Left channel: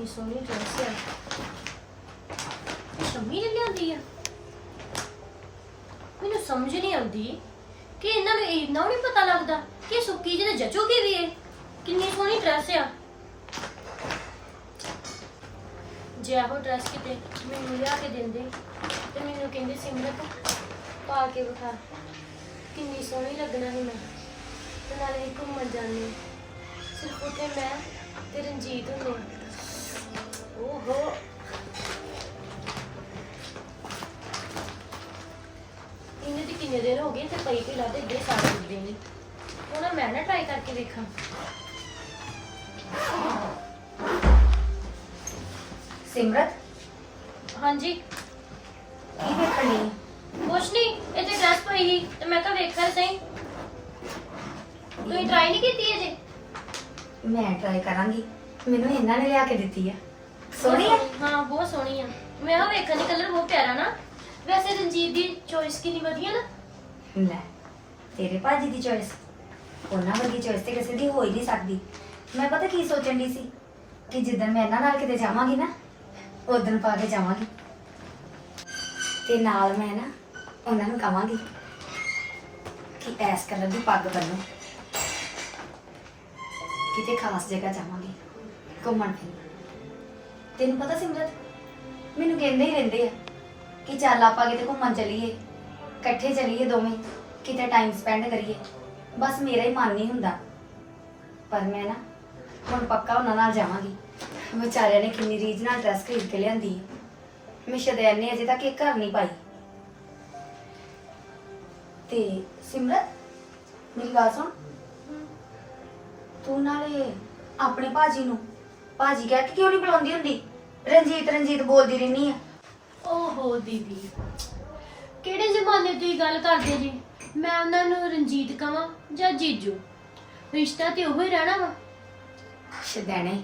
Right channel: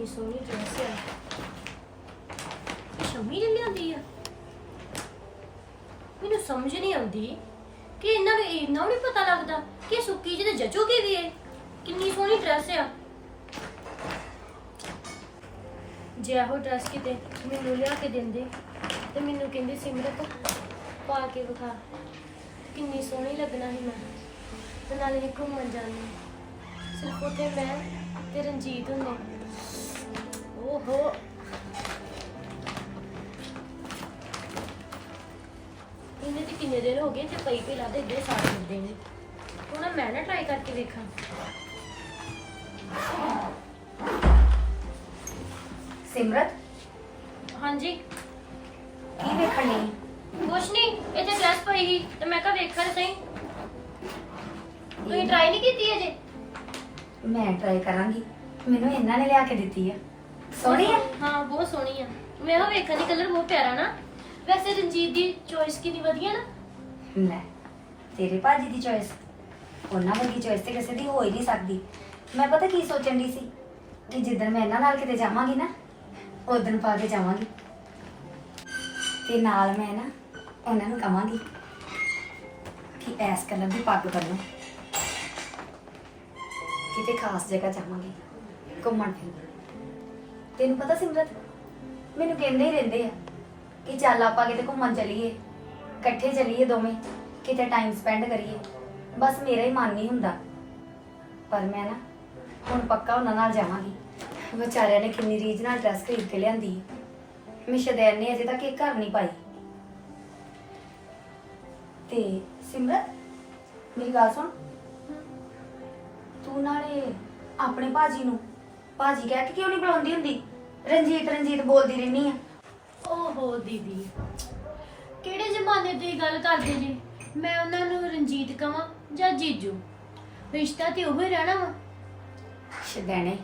ਕਿੰਨੀ ਸੋਹਣੀ ਡਰੈਸ ਆ। ਇਹ ਸ਼ਮੀ ਨੇ ਲਿਆਂਦੀ ਆ। ਮੈਨੂੰ ਸਮਝ ਨਹੀਂ ਆਉਂਦੀ ਕਿ ਇਹਨਾਂ ਨੂੰ ਇੰਨਾ ਨਹੀਂ ਪਤਾ ਲੱਗਦਾ ਕਿ ਸੁੱਕੀ ਜਿਹਦੇ ਜਚੋਗੇ ਵੀ ਇਹ। ਕਿੰਨੀ ਸੋਹਣੀ ਡਰੈਸ ਆ। ਜੇ ਇਹੋ ਡਰੈਸ ਕਿਤੇ ਮੈਨੂੰ ਲਿਆ ਕੇ ਦਿੰਦੇ ਤੇ ਮੈਨੂੰ ਕਹਿੰਦੇ, ਸਿਮਰਤ, ਪਾ ਕੇ ਵਿਖਾ। ਕਿੰਨੀ ਸੋਹਣੀ ਲੱਗਣਾ ਸੀ ਮੈਂ। ਤੇ ਨਾਲੇ ਅਸੀਂ ਘੁੰਮਣ ਜਾਂਦੇ। ਸਿਰਫ ਉੱਥੇ ਮੈਂ ਤੇ ਰਣਜੀਤ ਹੁੰਦੇ। ਓਹੋ ਇਹਨੇ ਤੇ ਕਿੰਨੇ ਦਿਨ ਹੋ ਗਏ ਤੇ ਪਈ ਪਈ ਲੱਗਦੇ ਇੱਦੇ ਸਾੜ ਦਿੰਦੇ ਨੇ। ਹੁਣ ਮੈਂ ਨਾ ਟਰਾਈ ਕਰਕੇ ਵੇਖਾਂ। ਸਿਮਰਤ? ਹਾਂਜੀ। ਕੀ ਵੇਖਣੀ ਕੁਛ ਨਹੀਂ ਤੇ ਡਰੈਸ ਪਈ ਸੀ ਤੇ ਮੈਂ ਕਿਹਾ ਵੇਖਾਂ ਸਹੀ। ਤੁਸੀਂ ਟਰਾਈ ਨਹੀਂ ਕੀਤੀ ਅਜੇ? ਮੈਂ ਟਰਾਈ ਕਰਾਂਗੀ। ਮੈਨੂੰ ਇਹਨਾਂ ਨੇ ਲਿਆ ਕੇ ਦਿੱਤੀ ਆ। ਸੋਹਣੀ ਆ? ਹਾਂ ਬਹੁਤ ਸੋਹਣੀ ਆ। ਮੈਂ ਉਹ ਵੇਖਣ ਦੀ ਕਲਰ ਬਹੁਤ ਪਿਆਰਾ ਨਾ। ਵੈਸੇ ਰਣਜੀਤ ਦੀ ਚੋਇਸ ਕਿੰਨੀ ਵਧੀਆ ਨਾ। ਲੈ ਤੇਰੇ ਭਾਜੀ ਦੀ ਚੋਇਸ ਉਹਨਾਂ ਵਰਗੀ ਚੋਇਸ ਤੇ ਕਿਸੇ ਦੀ ਹੋ ਹੀ ਨਹੀਂ ਸਕਦੀ। ਮੈਂ ਪਤਾ ਕੀ ਸੋਚਣ ਦੀ ਸੀ? ਕਿ ਜਿੱਦਣ ਮੈਂ ਇਹਨਾਂ ਨਾਲ ਕਿਤੇ ਜਾਵਾਂਗੀ ਨਾ ਉਦੋਂ ਪਾ ਕੇ ਜਾਵਾਂਗੀ। ਤੇ ਨਾਲ ਮੈਂ ਨਾ ਉਹਨਾਂ ਨੂੰ ਕਵਾਂਗੀ ਕਿ ਐਸ ਕਲਰ ਦੀ ਪੱਗ ਬੰਨੋ ਕਿਤੇ ਖਾਸ ਜਗ੍ਹਾ ਜਾਵਾਂਗੀ ਘੁੰਮਣ ਫਿਰਨ। ਤੈਨੂੰ ਪਤਾ ਸਿਮਰਤ? ਮੈਨੂੰ ਕਹਿੰਦੇ ਹੀ ਰਹਿੰਦੇ ਆ ਕਿ ਚੱਲ ਆਪਾਂ ਕਿਤੇ ਘੁੰਮਣ ਚੱਲੀਏ, ਇਕੱਠੇ ਚੱਲੀਏ ਦੋਵੇਂ, ਕਿਤੇ ਟਾਈਮ ਸਪੈਂਡ ਕਰੀਏ। ਬਸ ਮੇਰਾ ਹੀ ਮਨ ਨਹੀਂ ਹੁੰਦਾ। ਪਰ ਮੈਂ ਨਾ ਹੁਣ ਪੱਕਾ ਉਹਨਾਂ ਨਾਲ ਜਾਵਾਂਗੀ। ਵਿਚਾਰਿਆਂ ਨੇ ਕਿੰਨੀ ਰੀਝ ਨਾਲ ਡਰੈਸ ਖਰੀਦ ਕੇ ਲਿਆਂਦੀ। ਹੈ। ਮੈਂ ਸ਼ਦੈਨ ਨੇ ਅਜੇ ਤੱਕ ਇਹ ਘਰ ਨਹੀਂ ਪਾਈ। ਤੇ ਸਿਮਰਤ, ਮੇਰੀ ਗੱਲ ਸੁਣ। ਤੂੰ ਨਾਲੇ ਆਪਣੇ ਭਾਜੀ ਨੂੰ, ਭਾਜੀ ਕਹਿ ਕੇ ਕਿਉਂ ਨਹੀਂ ਬੁਲਾਉਂਦੀ ਹੁੰਦੀ? ਰਣਜੀਤ ਰਣਜੀਤ ਬੋਲਦੀ ਰਹਿਨੀ ਆ। ਓਹੋ ਦੀਦੀ ਕਿਹੜੇ ਜ਼ਮਾਨੇ ਦੀ ਗੱਲ ਕਰਦੇ ਜੀ? ਮੈਂ ਉਹਨਾਂ ਨੂੰ ਰਣਜੀਤ ਕਵਾਂ ਜਾਂ ਜੀਜੂ? ਰਿਸ਼ਤਾ ਤੇ ਉਹੀ ਰਹਿਣਾ ਵਾ। ਸ਼ਦੈਣੇ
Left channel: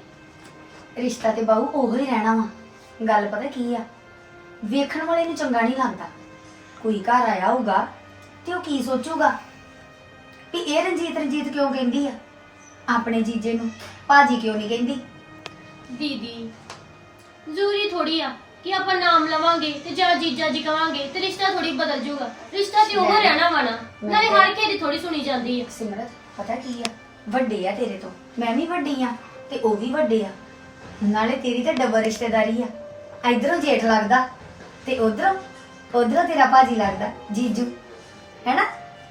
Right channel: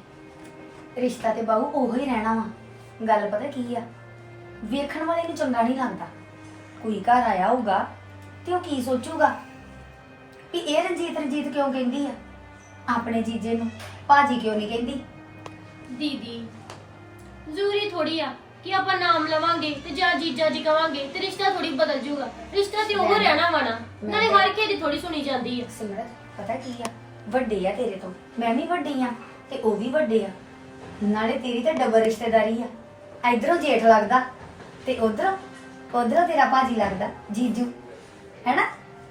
ਰਿਸ਼ਤਾ ਤੇ ਬਾਹੂ ਉਹੋ ਹੀ ਰਹਿਣਾ ਵਾ। ਗੱਲ ਪਤਾ ਕੀ ਆ? ਵੇਖਣ ਵਾਲੇ ਨੂੰ ਚੰਗਾ ਨਹੀਂ ਲੱਗਦਾ। ਕੋਈ ਘਰ ਆਇਆ ਹੋਊਗਾ ਤੇ ਉਹ ਕੀ ਸੋਚੂਗਾ? ਵੀ ਇਹ ਰਣਜੀਤ ਰਣਜੀਤ ਕਿਉਂ ਕਹਿੰਦੀ ਆ? ਆਪਣੇ ਜੀਜੇ ਨੂੰ ਭਾਜੀ ਕਿਉਂ ਨਹੀਂ ਕਹਿੰਦੀ? ਦੀਦੀ ਜ਼ਰੂਰੀ ਥੋੜੀ ਆ ਕਿ ਆਪਾਂ ਨਾਮ ਲਵਾਂਗੇ ਤੇ ਜਾਂ ਜੀਜਾ ਜੀ ਕਵਾਂਗੇ ਤੇ ਰਿਸ਼ਤਾ ਥੋੜੀ ਬਦਲ ਜਾਊਗਾ ਰਿਸ਼ਤਾ ਤੇ ਉਹ ਰਹਿਣਾ ਵਾ ਨਾ। ਨਾਲੇ ਹਰ ਕਿਸੇ ਦੀ ਥੋੜੀ ਸੁਣੀ ਜਾਂਦੀ ਹੈ ਸਿਮਰਤ ਪਤਾ ਕੀ ਆ? ਵੱਡੇ ਆ ਤੇਰੇ ਤੋਂ। ਮੈਂ ਵੀ ਵੱਡੀ ਆ ਤੇ ਉਹ ਵੀ ਵੱਡੇ ਆ। ਨਾਲੇ ਤੇਰੀ ਤੇ ਡਬਲ ਰਿਸ਼ਤੇਦਾਰੀ ਆ। ਇਧਰੋਂ ਜੇਠ ਲੱਗਦਾ ਤੇ ਉਧਰੋਂ ਉਧਰੋਂ ਤੇਰਾ ਭਾਜੀ ਲੱਗਦਾ ਜੀਜੂ। ਹੈਨਾ?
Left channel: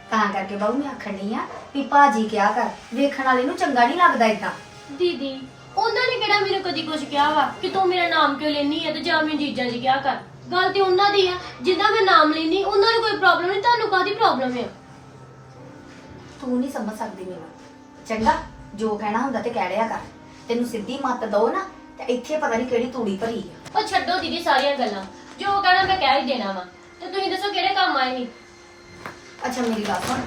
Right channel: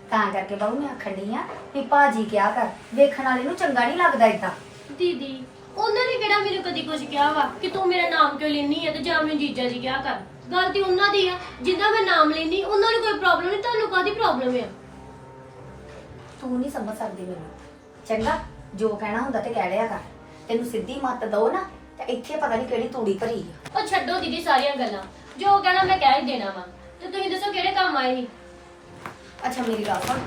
ਤਾਂ ਕਰਕੇ ਬਾਬੂ ਮੈਂ ਆਖਣੀ ਆ ਵੀ ਭਾਜੀ ਕਿਆ ਕਰ? ਵੇਖਣ ਵਾਲੇ ਨੂੰ ਚੰਗਾ ਨਹੀਂ ਲੱਗਦਾ ਇਦਾਂ ਦੀਦੀ ਉਹਨਾਂ ਨੇ ਕਿਹੜਾ ਮੈਨੂੰ ਕਦੀ ਕੁਝ ਕਿਹਾ ਵਾ ਕਿ ਤੂੰ ਮੇਰਾ ਨਾਮ ਕਿਉਂ ਲੈਣੀ ਹੈ ਤੇ ਜਾਂ ਮੈਨੂੰ ਜੀਜਾ ਜੀ ਕਿਹਾ ਕਰ। ਗੱਲ ਤੇ ਉਹਨਾਂ ਦੀ ਆ ਜਿੱਦਾਂ ਮੈਂ ਨਾਮ ਲੈਣੀ ਉਹਨਾਂ ਨੂੰ ਕੋਈ ਪ੍ਰੋਬਲਮ ਨਹੀਂ ਤੁਹਾਨੂੰ ਕਾਦੀ ਪ੍ਰੋਬਲਮ ਆ? ਤੂੰ ਨਹੀਂ ਸਮਝ ਸਕਦੀ ਮੈਨੂੰ। ਚੰਗਾ ਜੋ ਕਹਿਣਾ ਹੁੰਦਾ ਤੇ ਕਹਿ ਰਿਆ ਕਰ। ਤੈਨੂੰ ਸਿੱਧੀ ਮੱਤ ਦੋ ਨਾ ਤੇ ਇੱਥੇ ਪਤਾ ਨਹੀਂ ਕਿਹੜੀ ਤੂੜੀ ਭਰੀ ਆ। ਉਹ ਛੱਡੋ ਦੀਦੀ ਸਾਰੀਆਂ ਗੱਲਾਂ। ਜੋ ਕਹਿਣਾ ਮੈਂ ਕਹਿ ਹੀ ਦੇਣਾ ਵਾ। ਤੇ ਤੁਸੀਂ ਦੱਸੋ ਕਿਹੜੇ ਕੰਮ ਆਏ ਨਹੀਂ ਅੱਛਾ ਮੇਰੀ ਗੱਲ ਸੁਣ।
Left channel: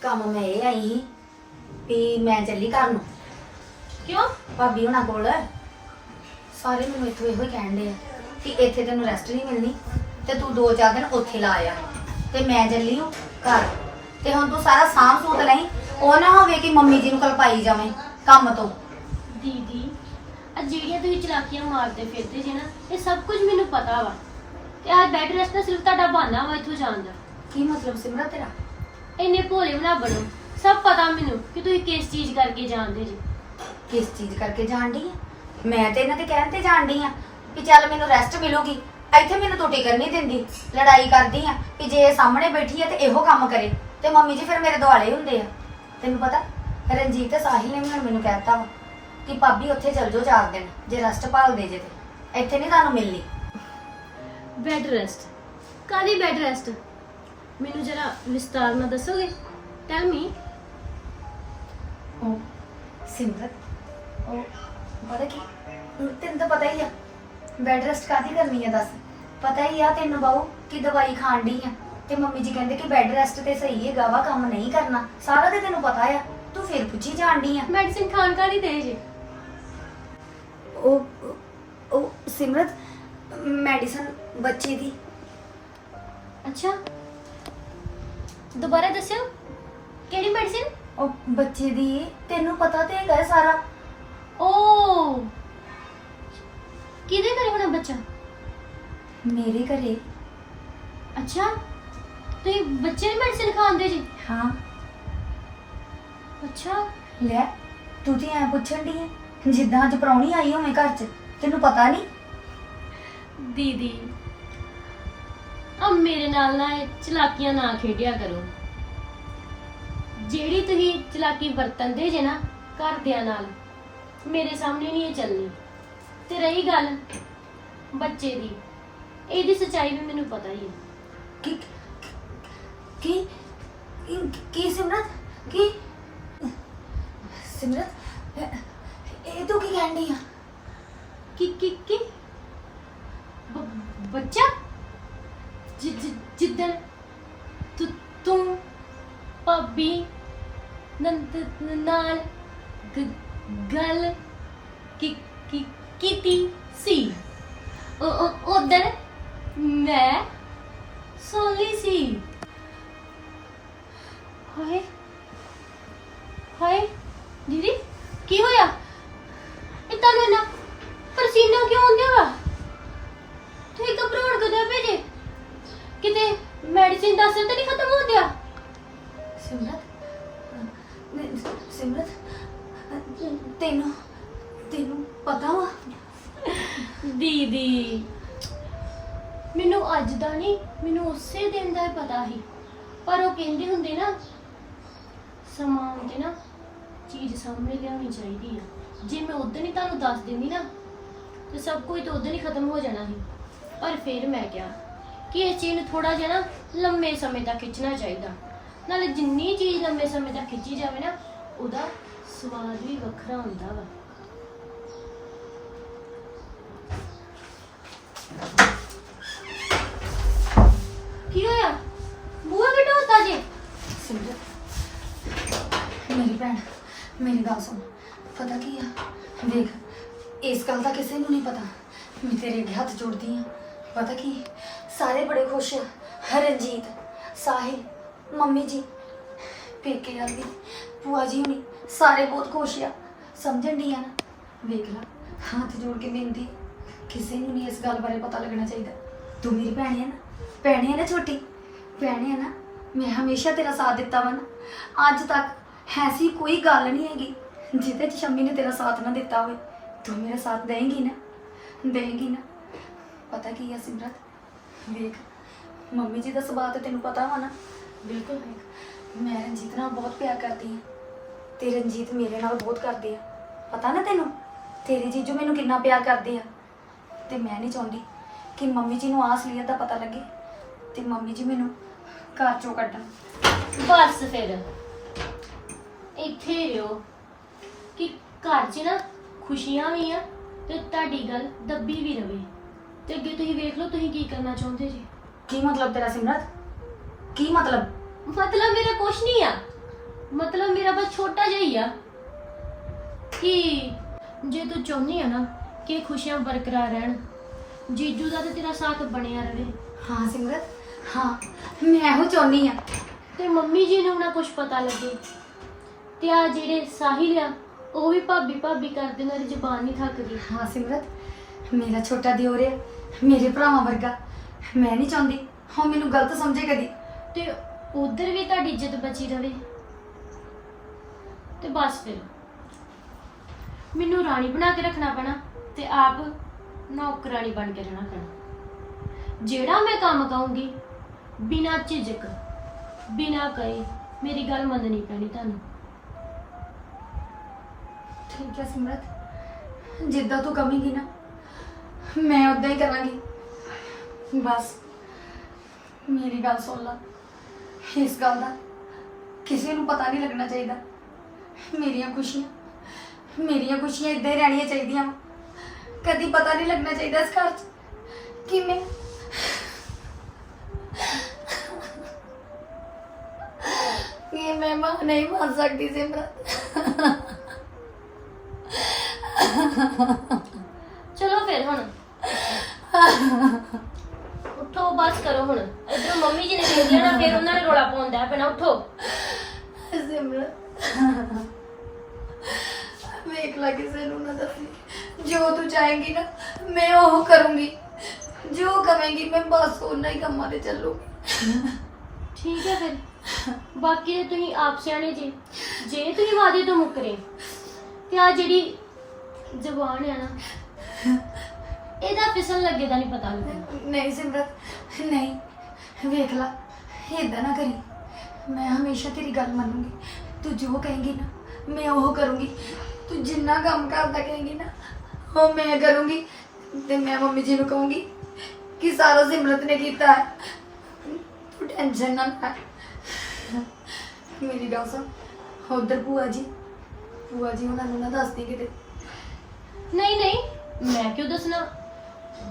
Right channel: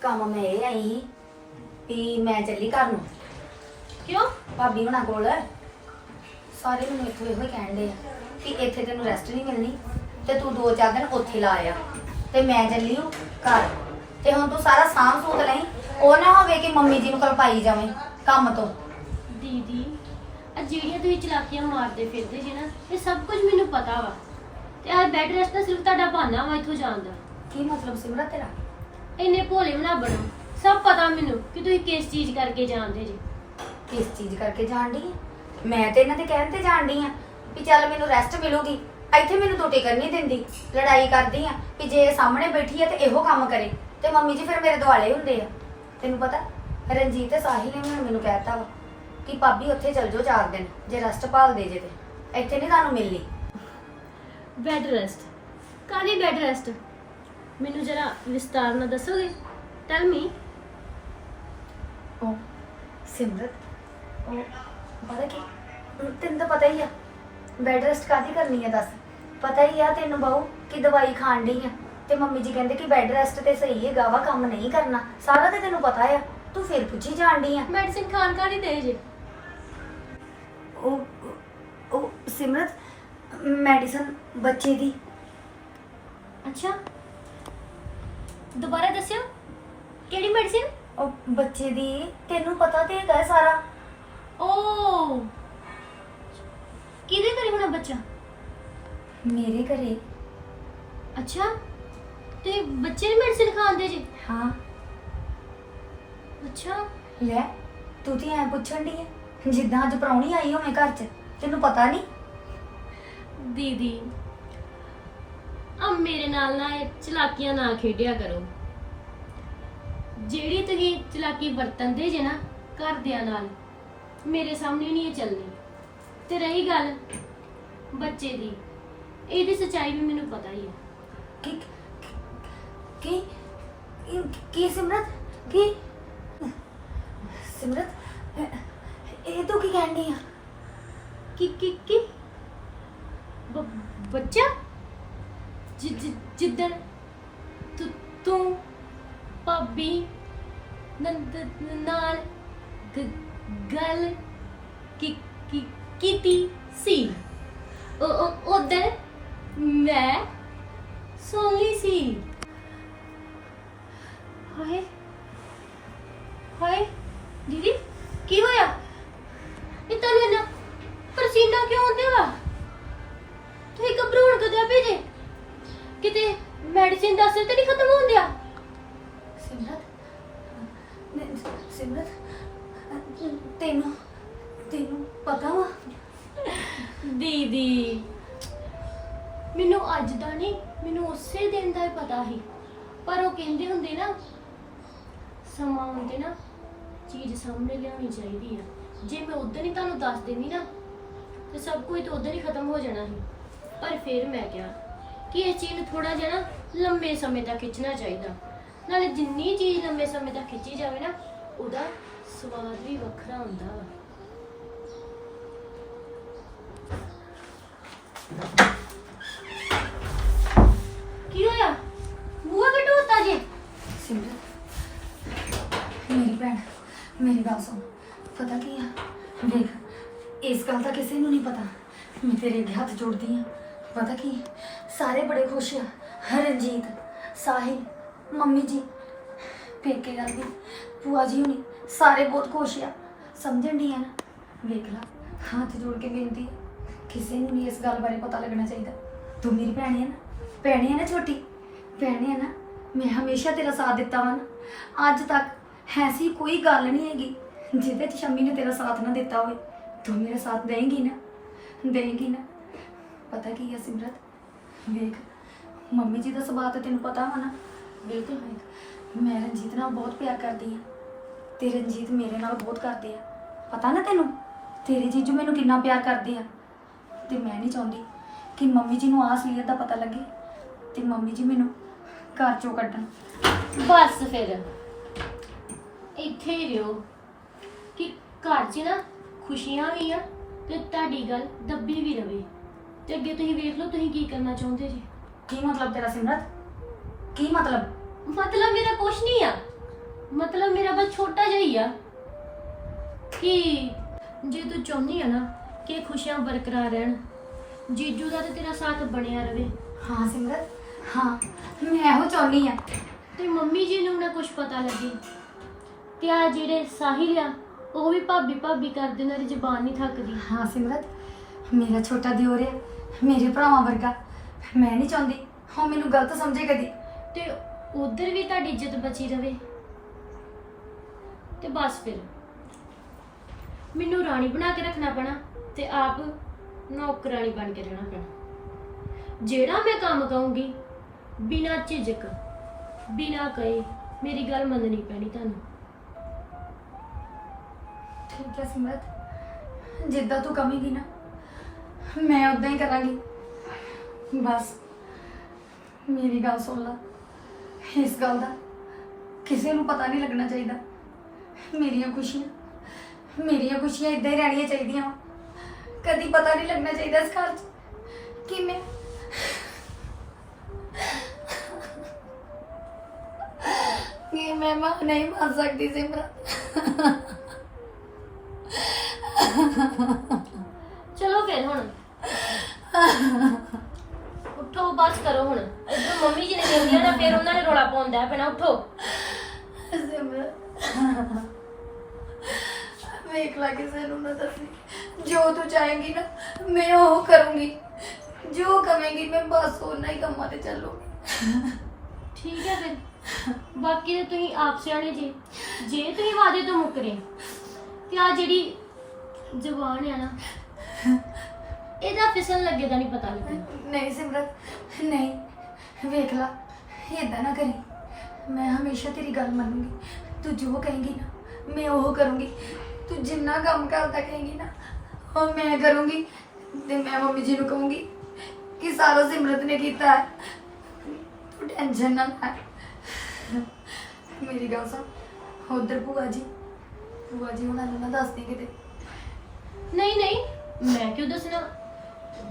ਕੰਮ ਮੈਂ ਇਹ ਆਈ ਸੀ ਵੀ ਮੈਂ ਚੱਲੀ ਘਰ ਨੂੰ। ਕਿਉਂ? ਭਾਬੀ ਹੁਣਾਂ ਕੋਲ। ਸਾਰੇ ਮੈਨੂੰ ਇੱਥੋਂ ਇਹੋ ਹੀ ਕਹਿਣ ਦੇ ਆ ਕਿ ਇੱਥੇ ਤੈਨੂੰ ਰੈਸਟ ਨਹੀਂ ਮਿਲਣੀ ਤੇ ਤੂੰ ਦੋ ਚਾਰ ਦਿਨ ਉੱਥੇ ਲਾ ਆ। ਤੇ ਮੈਂ ਚੱਲੀ ਹੂੰ ਘਰ। ਤੇ ਹੁਣ ਤੂੰ ਸਾਰਾ ਸਾਂਭ ਸੂਤ ਲਈ ਉਹ ਨਾ ਹੋਵੇ ਕਿ ਮੰਮੀ ਜੀ ਨੂੰ ਕਲਪਾਈ ਜਾਵੇਂ ਕੰਮ ਤੋਂ। ਦੀਦੀ ਆ ਜਿਹੜੀਆਂ ਤੁਸੀਂ ਚਲਾਕੀਆਂ ਮਾਰਦੇ ਫਿਰਦੇ ਜੀ ਨਾ ਇਹ ਸਭ ਕੁਝ ਮੈਨੂੰ ਪਤਾ ਵਾ। ਤੇ ਅੱਜ ਬੈਡ ਰੈਸਟ ਦਾ ਸਿਰਫ ਤੁਹਾਡਾ ਬਹਾਨਾ ਵਾ ਇੱਥੋਂ ਜਾਣ ਦਾ। ਕੀ ਮਤਲਬ ਸਿਮਰਤ ਤੇਰਾ? ਇੰਨੇ ਭੋਲੇ ਨਾ ਬਣੋ। ਸਭ ਪਤਾ ਮੈਨੂੰ ਕਿ ਤੁਸੀਂ ਕਿਸ ਚੀਜ਼ ਕਰਕੇ ਜਾਣਦੇ ਜੀ। ਕਿਸ ਚੀਜ਼ ਕਰਕੇ ਜਾਣ ਡਈ ਆ। ਮੈਂ ਤੇ ਇਹਨਾਂ ਦੇ ਕਹਿਣ ਤੇ ਜਾਣ ਡਈ ਆ ਵੀ ਚੱਲ ਮੈਨੂੰ ਰੈਸਟ ਮਿਲੂਗੀ। ਇੱਥੇ ਮੈਨੂੰ ਟੋਟੀ ਕਰਨੀ ਦਿੰਦੀ। ਲੜਾਈ ਕਰਦੀ ਆ ਵੀ ਜੇ ਇਹ ਸਾਹਮਣੇ ਬੈਠੀ ਆ ਤੇ ਇਹੋ ਕੰਮ ਕਰੇ। ਤੇ ਮੰਮੀ ਜੀ ਫਿਰ ਮੇਰੇ ਦੁਆਲੇ ਹੁੰਦੇ ਆ। ਤੈਨੂੰ ਪਤਾ ਰਣਜੀਤ ਤੇ ਸਾਹਿਲ ਨੇ ਵੀ ਹੁਣ ਮੈਨੂੰ ਕਹਿਤਾ ਵਾ ਕਿ ਭਾਬੀ ਉੱਥੇ ਚਲ ਜਾਓ ਚਾਰ ਦਿਨ ਜੇ ਰੈਸਟ ਭਾਲਦੇ ਜੇ ਤੇ। ਇੱਥੇ ਨਹੀਂ ਤੁਹਾਨੂੰ ਮਿਲਣੀ। ਬੈਡ ਰੈਸਟ ਕਾਦੀ ਬੈਡ ਰੈਸਟ ਮੈਨੂੰ ਜਰਾ ਵਿਸਤਾਰ ਨਾਲ ਦੱਸੋਗੇ? ਟੈਲ ਮੀ ਉਹ ਸਿਮਰਤ ਉਹ ਪਤਾ ਕੀ? ਤੈਨੂੰ ਤਾਂ ਪਤਾ ਹੀ ਆ। ਬੈੱਡ ਰੈਸਟ ਕਾਦੀ ਕਰਨੀ ਆ ਦੱਸ? ਪਤਾ ਹੀ ਆ ਤੈਨੂੰ ਬਾਊ ਕਿ ਦਵਾਈ ਖਾਣ ਡਈ ਆ। ਤੇ ਮੰਮੀ ਜੀ ਕਹਿੰਦੇ ਕਿ ਬੈੱਡ ਰੈਸਟ ਤੇ ਸਹੀ ਹੈਗਾ ਵਾ ਕੰਮ ਨਹੀਂ ਕਰਨਾ। ਸਾਰਾ ਤੇ ਤੈਨੂੰ ਪਤਾ ਆ। ਤੂੰ ਫਿਰ ਪੁੱਛੀ ਜਾਣ ਡਈ ਆ। ਮੈਡੀਸਿਨ ਖਾਣ ਕਾਦੀ ਦੇ ਜੇ। ਉਹ ਉਹ ਸਿਮਰਤ ਮੈਡੀਸਨ ਬੱਚੇ ਦੀ। ਅੱਛਾ। ਦੁਬਾਰਾ ਦੱਸਿਓ। ਕਿਹੜੀ ਮੈਡੀਸਿਨ ਉਹ ਬੱਚੇ ਦੀ। ਤੈਨੂੰ ਪਤਾ ਤੇ ਹੈਗਾ ਹੈ ਸਾਰਾ। ਓ। ਕਿਹਦੇ ਘਰੇ ਹੋਣਾ ਬੱਚਾ? ਮੇਰੇ ਘਰੇ। ਅੱਛਾ ਤੁਸੀਂ ਬੱਚੇ ਨੂੰ ਮੈਡੀਸਿਨ ਖਾਂਦੇ ਜੀ? ਹਾਂ। ਅੱਛਾ। ਲੈ ਤੂੰ ਤੇ ਐ ਪੁੱਛਣ ਦੀ ਹੈ ਜਿੱਦਾਂ ਅੱਜ ਪ੍ਰਾਹੁਣੀ ਆਈ ਹੋਵੇਂ ਘਰ 'ਚ ਤੈਨੂੰ ਪਤਾ ਨਹੀਂ ਦੀਦੀ ਆ ਮੇਰੇ ਨਾਲ ਨਾ ਇਹ ਚਲਾਕੀਆਂ ਨਾ ਖੇਡਿਆ ਕਰੋ। ਜਿਹੜੀ ਤੁਸੀਂ ਚਲਾਕੀ ਵਰਤੰਦੇ ਜੇ ਨਾ ਘਰਦਿਆਂ ਨਾਲ। ਮੇਰੇ ਸਾਹਮਣੇ ਨਹੀਂ ਇਹ ਚੱਲਣੀ। ਤੇ ਰਹੀ ਗੱਲ ਬੱਚੇ ਦੀ ਇਹਦੀ ਸੱਚਾਈ ਵੀ ਮੈਨੂੰ ਪਤਾ ਹੀ ਹੈ। ਕੀ ਕੀ ਕੀ- ਸਿਮਰਤ ਕੀ ਸਿਮਰਤ ਇਹ- ਤੂੰ ਕੀ ਕਹਿਣੀ ਆ? ਕਿ ਕਿ ਕਿ ਬੱਚਾ? ਜਿੱਦਣ ਤੂੰ ਭਾਬੀ ਨੰਦ ਨਾਲ ਗ- ਗੱਲ ਕੀ ਕੀ ਕੀਤੀ ਸੀ? ਉਹ ਉਧਰ ਮੈਂ ਸੋਲੀ ਸੀ। ਹਾਏ ਹਾਏ, ਦੀਦੀ, ਕੀ ਹੋਇਆ? ਦੀਦੀ ਮੈਨੂੰ ਅੱਜ ਦਾ ਨਹੀਂ, ਮੈਨੂੰ ਉਸੇ ਦਿਨ ਦਾ ਹੀ ਪਤਾ ਸੀ। ਪਰ ਉਹ ਕਹਿੰਦੇ ਹੁੰਦੇ ਨਾ, ਸਮਾਂ ਆਉਂਦੇ ਨਾ ਚੀਜ਼ ਸਾਹਮਣੇ ਲਿਆਉਣੀ ਚਾਹੀਦੀ ਆ। ਜੇ ਮੈਂ ਉਦੋਂ ਹੀ ਤੁਹਾਨੂੰ ਦੱਸ ਦਿੰਦੀ ਨਾ, ਤੇ ਸਭ ਕੁਝ ਤਾਂ ਉਦੋਂ ਹੀ ਖਤਮ ਹੋ ਜਾਣਾ ਸੀ। ਪਰ ਫਿਰ ਮੈਂ ਕਿਹਾ ਕਿ ਇਹ ਚੀਜ਼ ਨੂੰ ਥੋੜਾ ਜਿਹਾ ਨਾ ਲੰਮੇ ਸਮੇਂ ਤੱਕ ਖਿੱਚਣਾ ਚਾਹੀਦਾ। ਨਾਲੇ ਜਿੰਨੀ ਚੀਜ਼ ਲੰਮੇ ਸਮੇਂ ਤੱਕ ਖਿੱਚੀ ਜਾਵੇ ਨਾ, ਉਹਦਾ ਸਵਾਦ ਵੀ ਵੱਖਰਾ ਹੁੰਦਾ ਵਾ। ਕੀ ਹੋਇਆ? ਬੂਹਾ ਕਿ ਜੇ? ਸਿਮਰਤ, ਮੇਰੀ ਭੈਣ, ਮੇਰੀ ਗੱਲ ਸੁਣ। ਪਤਾ ਕੀ ਆ? ਵੇਖ ਇਸ ਗੱਲ ਦਾ ਕਿਸੇ ਨੂੰ ਨਹੀਂ ਪਤਾ। ਮੈਂ ਤੇਰੇ ਅੱਗੇ ਹੱਥ ਜੋੜਦੀ ਆ। ਪਤਾ ਕੀ? ਸਾਰੇ ਬੜੇ ਖੁਸ਼ ਆ। ਹਰਨਜੀਤ ਸਾਹਿਲ, ਮੰਮੀ ਜੀ, ਪੇਕੇ ਜਾਂਦੀ ਭੂਆ ਜੀ ਹੁਣੀ ਸਾਰੇ ਬਹੁਤ ਖੁਸ਼ ਆ। ਸਮਝਣ ਦੀ ਆ ਨਾ? ਵੇਖ ਲਾ, ਹੱਥ ਜੋੜ ਕੇ ਬੇਨਤੀ। ਕਿਸੇ ਨੂੰ ਨਹੀਂ ਇਸ ਗੱਲ ਬਾਰੇ ਪਤਾ ਲੱਗਣਾ ਚਾਹੀਦਾ। ਤੂੰ ਮੇਰੀ ਭੈਣ ਹੈ ਨਾ, ਭੈਣ ਹੈ ਨਾ ਛੋਟੀ, ਭੈਣ ਹੈ ਨਾ, ਮੈਂ ਹਮੇਸ਼ਾ ਤੇਰਾ ਸਾਥ ਦਿੱਤਾ ਵਾ ਨਾ। ਅੱਜ ਤੱਕ ਐਸੀ ਕੋਈ ਗੱਲ ਨਹੀਂ ਹੈਗੀ ਜਿਹਦੇ ਚ ਸ਼ੰਮੀ ਨੇ ਤੇਰਾ ਸਾਥ ਨਾ ਦਿੱਤਾ ਹੋਵੇ। ਤੂੰ ਮੇਰਾ ਸਾਥ ਦੇਂਗੀ ਨਾ ਦੇਂਗੀ ਨਾ। ਪਤਾ ਕੀ ਹੈ ਸਿਮਰਤ, ਵੇਖ, ਮੰਮੀ ਜੀ ਦਾ ਸੁਭਾਅ ਤਾਂ ਤੈਨੂੰ ਪਤਾ ਵਾ ਨਾ। ਬਿਲਕੁਲ ਵੇਖ, ਮੈਂ ਰਣਜੀਤ ਨਾਲ ਬਹੁਤ ਪਿਆਰ ਕਰਦੀ ਹਾਂ ਤੇ ਰਣਜੀਤ ਮੇਰੇ ਨਾਲ ਬਹੁਤ ਕਰਦੇ ਆ। ਪਤਾ ਨਾ ਤੈਨੂੰ? ਤੇਰੇ ਜੀਜੂ ਮੈਨੂੰ ਕਿੰਨਾ ਪਿਆਰ ਕਰਦੇ ਆ। ਤੇ ਮੈਂ ਨਹੀਂ ਚਾਹੁੰਦੀ ਕਿ ਮੰਮੀ ਜੀ ਨੂੰ ਆਸਲੀਅਤ ਦਾ ਪਤਾ ਲੱਗੇ ਤੇ ਮੰਮੀ ਜੀ ਮੈਨੂੰ ਘਰ ਚੋਂ ਕੱਢਣ। ਬਸ ਫਿਰ। ਇੱਥੇ ਹੀ ਰਿਓ ਕਿ ਘਰ 'ਚ ਨਾ ਖੁਸ਼ੀਆਂ ਵੀ ਆ ਤੇ ਤੁਹਾਡੀ ਗੱਲ ਦੱਬੀ ਵੀ ਰਵੇ। ਤੇ ਅੱਗੇ ਤੁਸੀਂ ਵੇਖ ਲਓ ਤੁਸੀਂ ਕੀ ਕਰਨਾ ਚਾਹੁੰਦੇ ਜੀ। ਕੀ ਮਤਲਬ ਤੇਰਾ ਸਿਮਰਤ? ਕੀ ਮਤਲਬ? ਮਤਲਬ ਮੇਰਾ ਕੁਛ ਨਹੀਂ ਆ। ਮਤਲਬ ਮੇਰਾ ਬਸ ਛੋਟਾ ਜਿਹਾ ਹੀ ਆ ਕਿ ਜੇ ਤੂੰ ਚਾਹੁੰਦੀ ਆ ਨਾ ਕਿ ਖੁਸ਼ੀਆਂ ਬਰਕਰਾਰ ਰਹਿਣ। ਜੀਜੂ ਦਾ ਤੇ ਤੇਰਾ ਸਾਥ ਬਣਿਆ ਰਵੇ। ਹਾਂ ਸਿਮਰਤ। ਹਾਂ ਮੈਂ ਇਹੋ ਚਾਹੁੰਦੀ ਆ ਤੇ ਮੰਮੀ ਜੀ ਨੂੰ ਨਾ ਕੁਝ ਪਤਾ ਲੱਗੇ। ਤੇ ਆ ਜਿਹੜੇ ਸਾਹਿਲ ਆ ਉਹ ਵੀ ਭਾਬੀ ਭਾਬੀ ਕਰਦੇ ਦੀ ਜ਼ੁਬਾਨ ਨਹੀਂ ਥੱਕਦੀ ਹਾਂ ਸਿਮਰਤ ਮੇਰਾ ਛੋਟਾ ਦਿਓਰ ਹੈ ਮੇਰੇ ਭਰਾਵਾਂ ਵਰਗਾ। ਮੈਂ ਨਹੀਂ ਚਾਹੁੰਦੀ ਉਹ ਮੈਨੂੰ ਗਲਤ ਸਮਝੇ ਕਦੀ। ਤੇ ਉਧਰ ਵੀ ਤੁਹਾਡੀ ਇੱਜ਼ਤ ਬਚੀ ਰਵੇ। ਤੇ ਬਸ ਫਿਰ। ਮੈਨੂੰ ਰਾਣੀ ਬਣਾ ਕੇ ਰੱਖਣਾ ਪੈਣਾ। ਤੇ ਆਪ ਨੌਕਰਾਨੀ ਬਣ ਕੇ ਰਹਿਣਾ ਪੈਣਾ। ਜਿਹੜਾ ਮੈਂ ਕੰਮ ਕਹੂੰਗੀ, ਬਿਨਾਂ ਝਿਜਕ, ਬਿਨਾਂ ਕਹੇ, ਮੇਰੀ ਗੱਲ ਮੰਨਣੀ ਪੈਣੀ ਤੁਹਾਨੂੰ। ਠੀਕ ਹੈ ਸਿਮਰਤ, ਜਿੱਦਾਂ ਤੂੰ ਕਹੇਂਗੀ ਨਾ, ਮੈਂ ਉਦਾਂ ਹੀ ਕਰਾਂਗੀ। ਬਸ, ਮੇਰੀ ਗੱਲ ਸੁਣ ਲੈ। ਇਸ ਗੱਲ ਦਾ ਕਿਸੇ ਨੂੰ ਪਤਾ ਨਹੀਂ ਲੱਗਣਾ ਚਾਹੀਦਾ। ਮੇਰੀਆਂ ਖੁਸ਼ੀਆਂ ਮੇਰੀਆਂ ਖੁਸ਼ੀਆਂ ਇਦਾਂ ਹੀ ਰਹਿਣੀਆਂ ਚਾਹੀਦੀਆਂ। ਕਦੀ ਪਤਾ ਨਹੀਂ ਲੱਗਣਾ ਚਾਹੀਦਾ ਇਸ ਘਰ 'ਚ। ਕਿ ਮੈਂ ਕਿ ਮੈਂ ਮਾਂ ਨਹੀਂ ਬਣ ਸਕਦੀ ਸਿਮਰਤ ਚਲੋ ਫਿਰ ਹੁਣ। ਉੱਠੋ ਬਸ ਕਰੋ ਹੁਣ। ਇਧਰ ਮੰਮੀ ਜੀ ਨੇ ਦੇਖ ਲਿਆ ਨਾ ਫਿਰ ਉਹਨਾਂ ਨੇ ਰੋਲਾ ਪਾਉਂਦਾ ਪੈਣਾ। ਉੱਠੋ। ਸਿਮਰਤ ਵੇਖ ਲਾ ਕਿਸੇ ਨੂੰ ਨਾ ਦੱਸੀ। ਜੋ ਤੂੰ ਚਾਹੇਂਗੀ ਨਾ ਮੈਂ ਉਹ ਕਰੂੰਗੀ। ਜੋ ਕਵੇਂਗੀ ਮੈਂ ਬਸ ਉਹਨਾਂ ਹੀ ਕੰਮਾਂ ਤੇ ਚੱਲੂਗੀ। ਠੀਕ ਹੈ ਫਿਰ। ਬਾਕੀ ਤੇ ਤੁਸੀਂ ਆਪ ਸਿਆਣੇ ਜੀ ਜੇ ਤੁਸੀਂ ਵਾਦੇ ਤੋਂ ਮੁੱਕਰੇ ਤੇ ਆ ਜਿਹੜੀ ਜ਼ਬਾਨ ਆ ਨਾ ਇਹਦਾ ਫਿਸਲ ਲੱਗੇ ਦਾ ਨਹੀਂ ਪਤਾ ਲੱਗਦਾ। ਨਹੀਂ ਸਿਮਰਤ ਨਹੀਂ। ਵੇਖ ਲਾ ਏਦਾਂ ਨਾ ਕਰੀ। ਮੈਂ ਹਮੇਸ਼ਾ ਤੇਰੀ ਗੱਲ ਮੰਨੂੰਗੀ। ਤੂੰ ਜੋ ਕਹੇਂਗੀ ਨਾ ਮੈਂ ਉਹ ਕਰੂੰਗੀ। ਤੂੰ ਜਿੰਨਾ ਕੰਮ ਕਰਦਾ ਕਹੇਂਗੀ ਨਾ ਉਹ ਮੈਂ ਕਰੂੰਗੀ ਤੇ ਮੈਂ ਮੰਮੀ ਜੀ ਨੂੰ ਕਹੂੰਗੀ ਕਿ ਸਾਰਾ ਸਿਮਰਤ ਨੇ ਕੀਤਾ ਹੈ। ਤੂੰ ਟੈਨਸ਼ਨ ਨਾ ਲੈ। ਮੇਰੀ ਗੱਲ ਸੁਣ ਉਧਰ ਭੂਆ ਜੀ ਭੂਆ ਜੀ ਉਹਨਾਂ ਨੂੰ ਨਾ ਦੱਸਦੀ ਕਿਤੇ। ਨਹੀਂ ਨਹੀਂ ਮੈਂ ਕਿਉਂ ਦੱਸਣਾ?